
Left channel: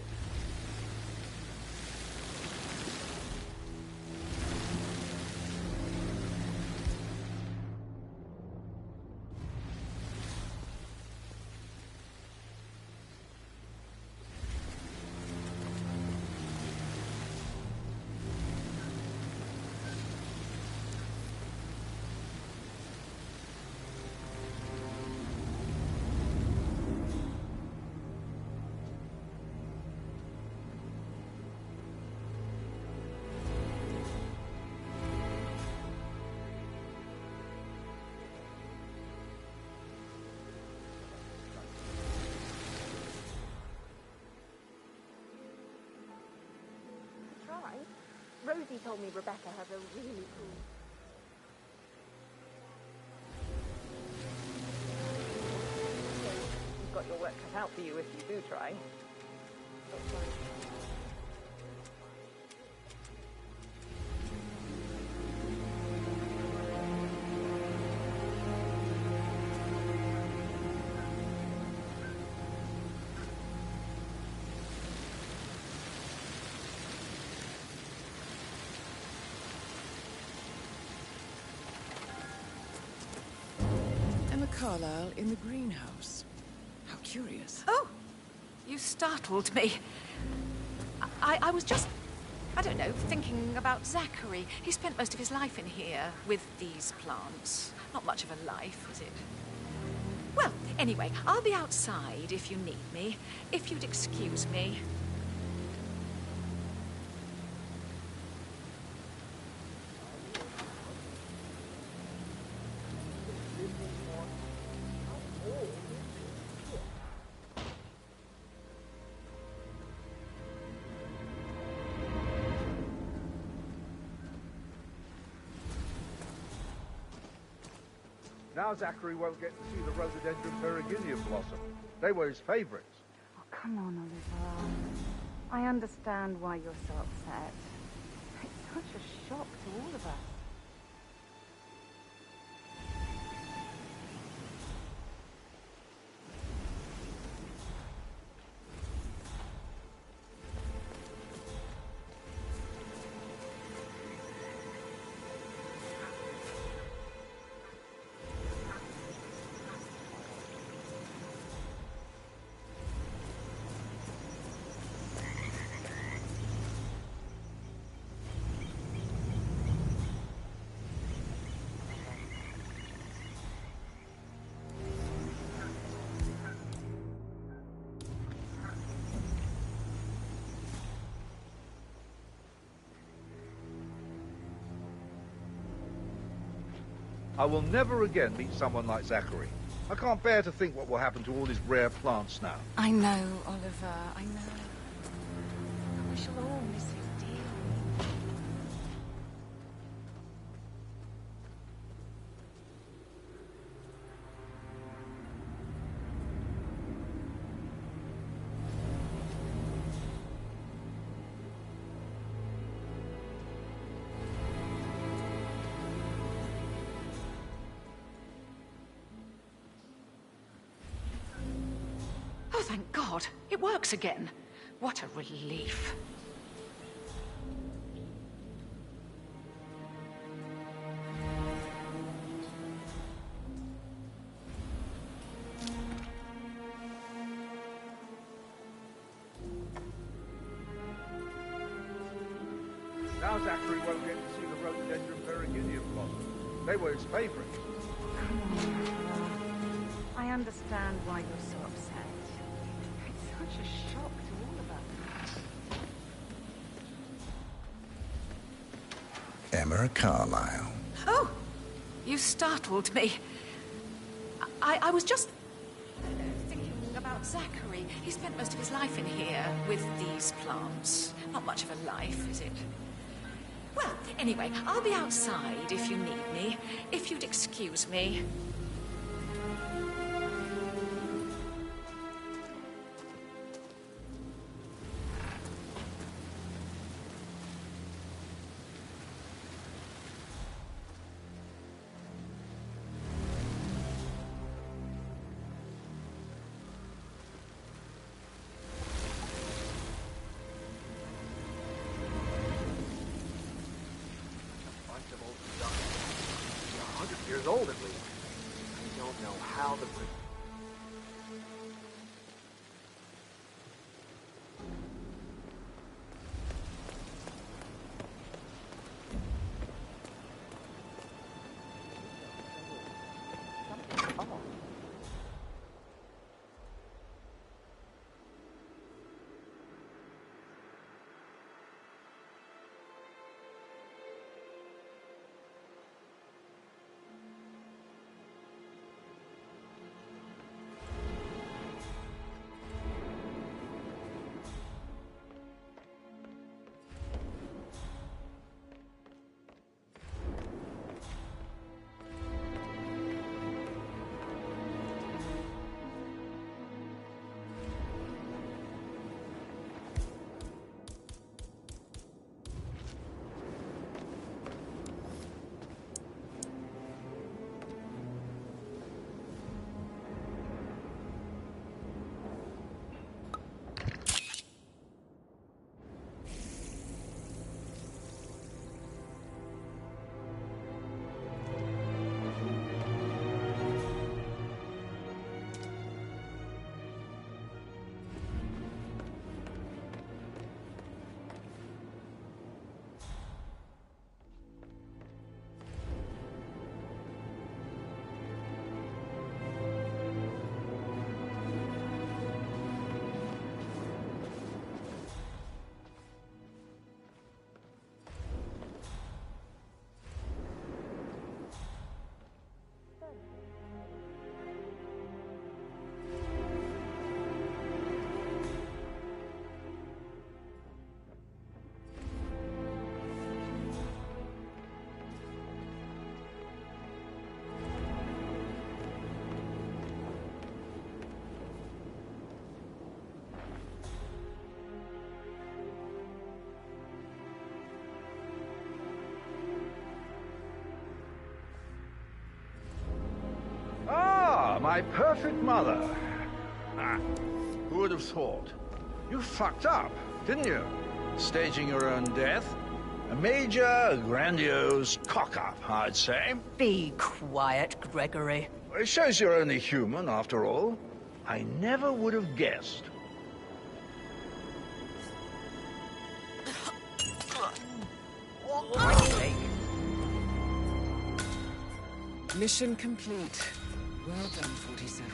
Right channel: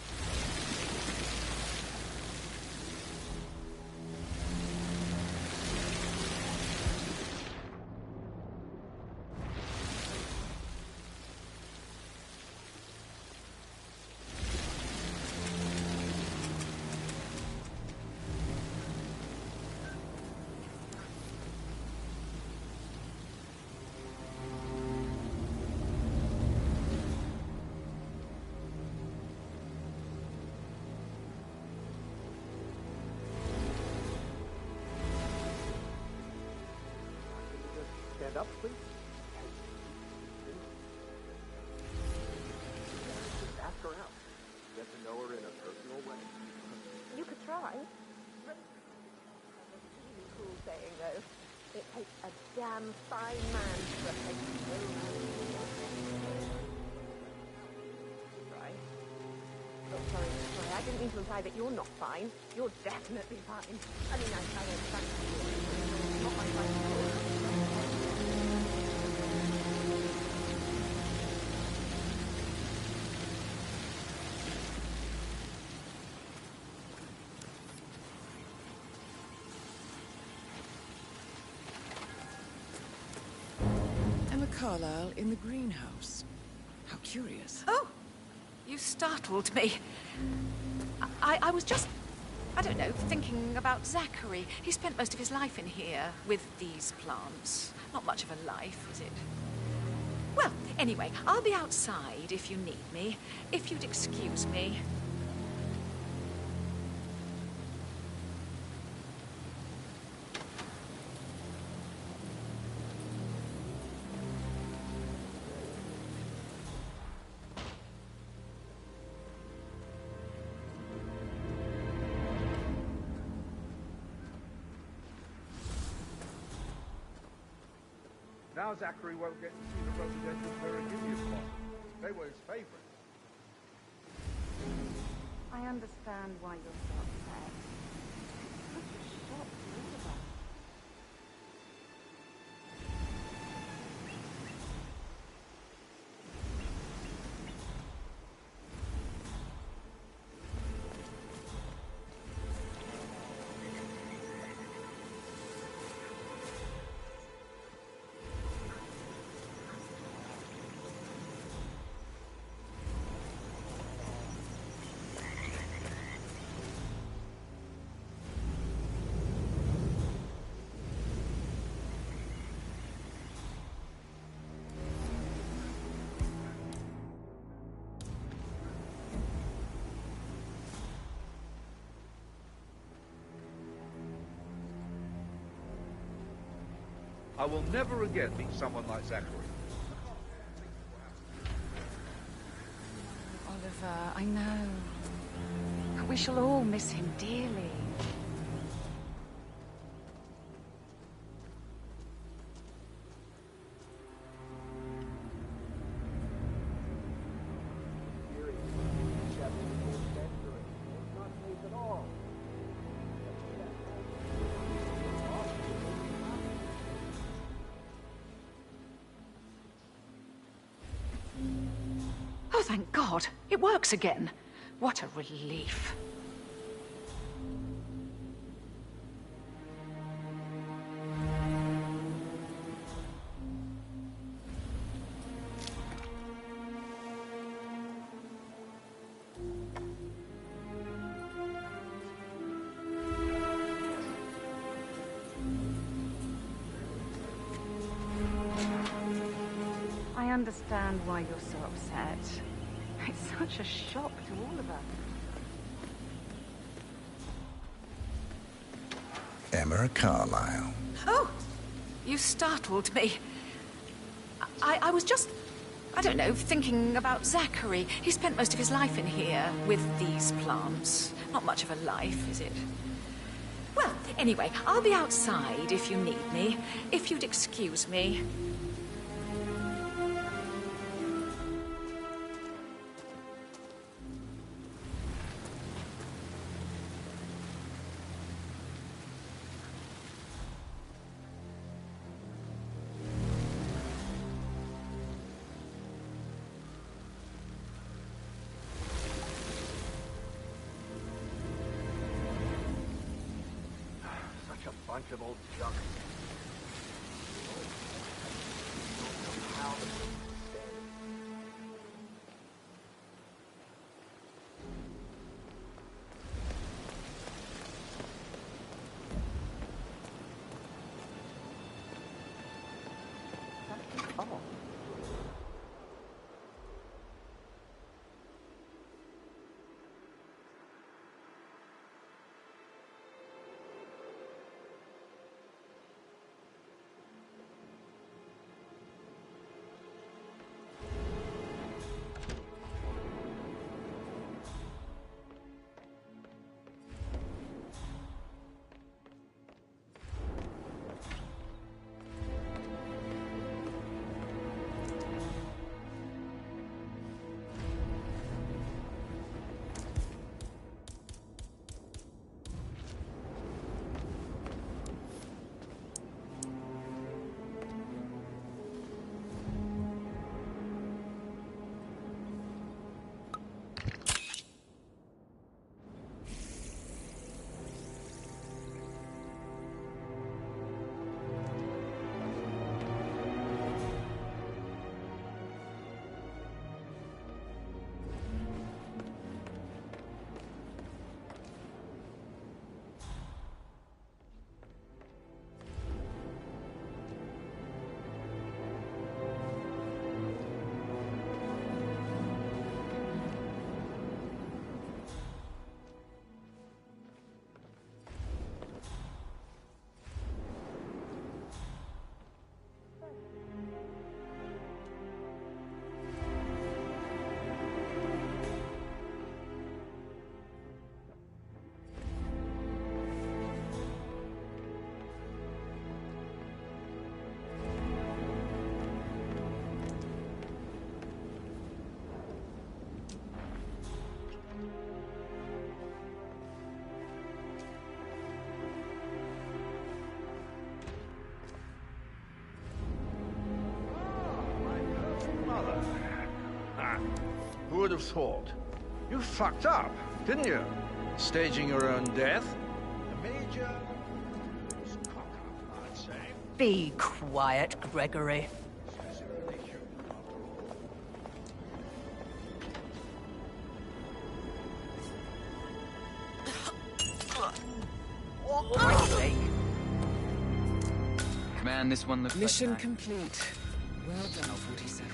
Stand up, please. Ask her out. Get to know her in a personal way. You could try. Rosie told me Rebecca has a really cool saying, though. It takes a damn fine man to reflect so You've got your work cut out for you if you do try. Oh, sorry. I didn't mean to imply that you're not fine. You're definitely fine. I mean, I understand. Not my fault. Emma Carlyle in the greenhouse. How curious. Oh! You startled me. I was just, I don't know, thinking about Zachary. He spent most of his life in here with these plants. Not much of a life, is it? Well, anyway, I'll be outside if you need me. If you'd excuse me. Now Zachary won't get to see the rhododendron Virginia blossom. They were his favorites. Oh, come on, Oliver. I understand why you're so upset. It's such a shock to all of us. I will never again meet someone like Zachary. I can't bear to think what will happen to all his rare plants now. I know, Oliver, I know. We shall all miss him dearly. Oh, thank God. It works again. What a relief. Now Zachary won't get to see the rhododendron Virginia blossom. They were his favorites. I understand why you're so upset. It's such a shock to all of us. Emma Carlyle. Oh! You startled me. I was just, I don't know, thinking about Zachary. He spent most of his life in here with these plants. Not much of a life, is it? Well, anyway, I'll be outside if you need me. If you'd excuse me. Bunch of old junk. 100 years old at least. I don't know how the Brits stand. Oh. My perfect mother. Ah, who would have thought? You fucked up, didn't you? Staging your own death? A major, grandiose cock-up, I'd say. Be quiet, Gregory. It shows you're only human, after all. I never would have guessed. Man, this one looks Mission complete. Well done, 47.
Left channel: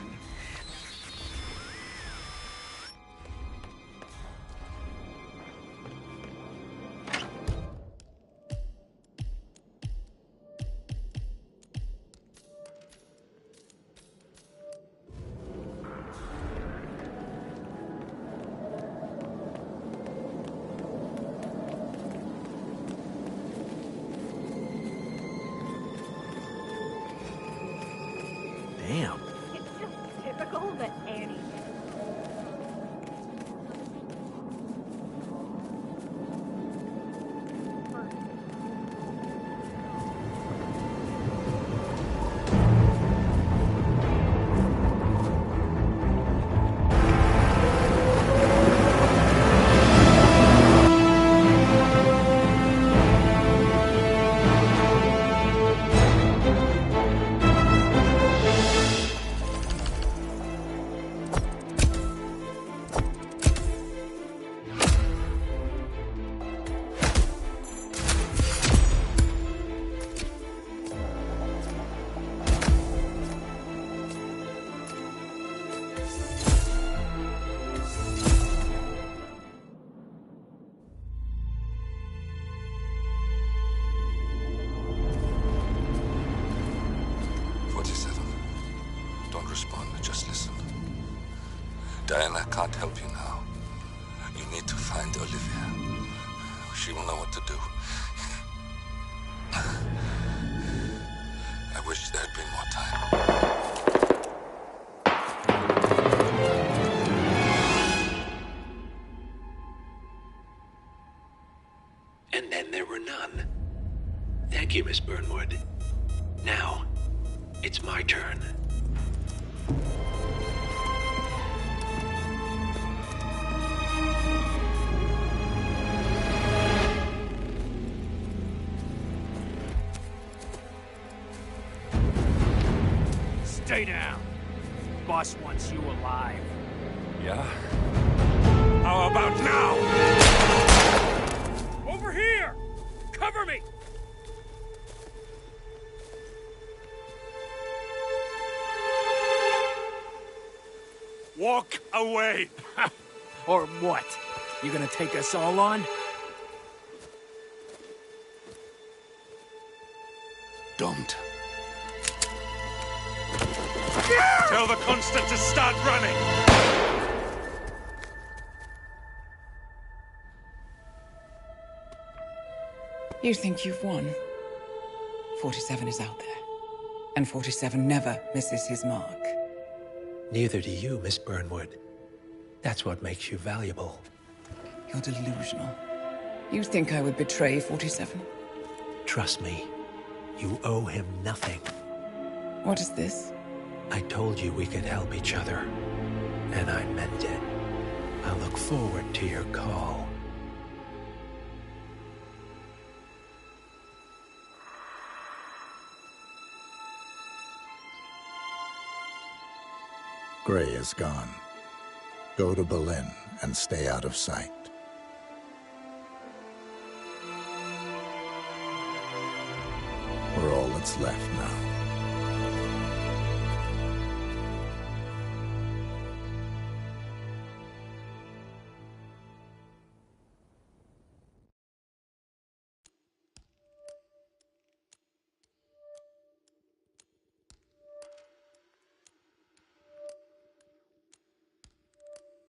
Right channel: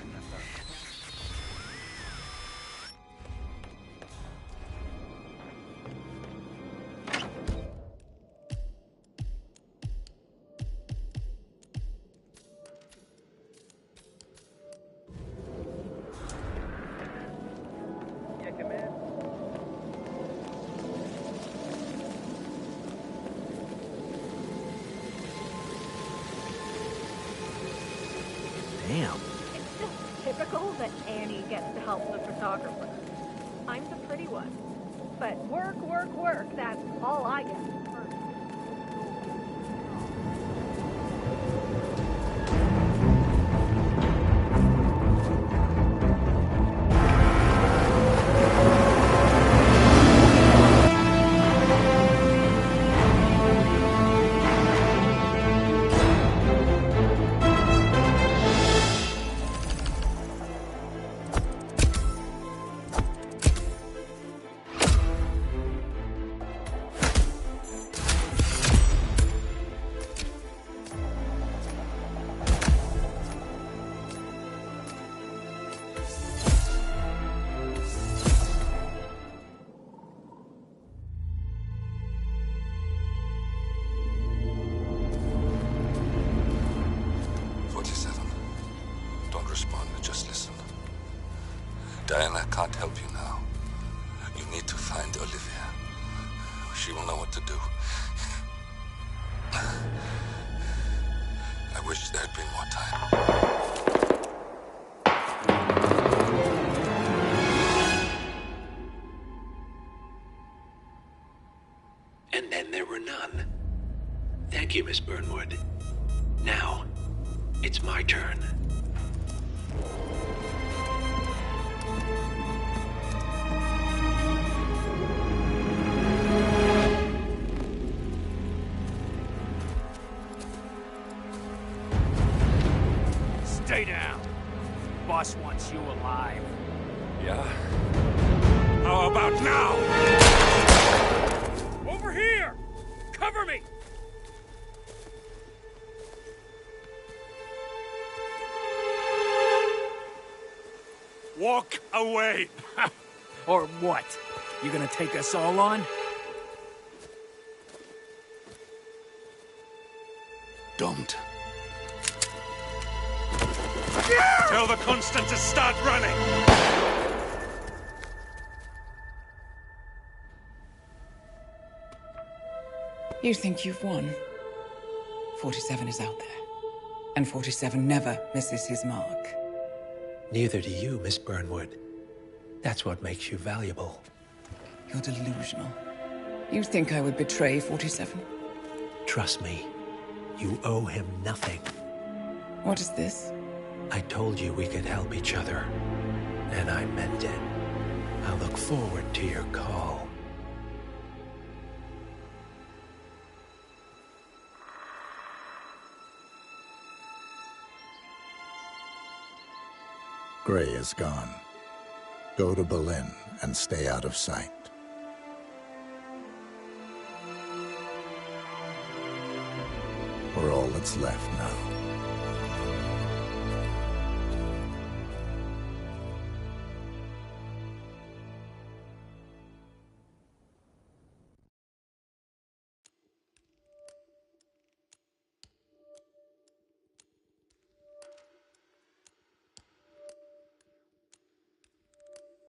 Damn. It's just typical that Annie gets to help the photographer. I'm the pretty one. But work, work, work, that's all I get first. Diana can't help you now. You need to find Olivia. She will know what to do. I wish there had been more time. And then there were none. Thank you, Miss Burnwood. Now, it's my turn. Stay down. Boss wants you alive. Yeah? How about now? Over here! Cover me! Walk away! Or what? You gonna take us all on? Don't. Tell the Constant to start running! You think you've won? 47 is out there. And 47 never misses his mark. Neither do you, Miss Burnwood. That's what makes you valuable. You're delusional. You think I would betray 47? Trust me, you owe him nothing. What is this? I told you we could help each other, and I meant it. I'll look forward to your call. Gray is gone. Go to Berlin and stay out of sight. We're all that's left now.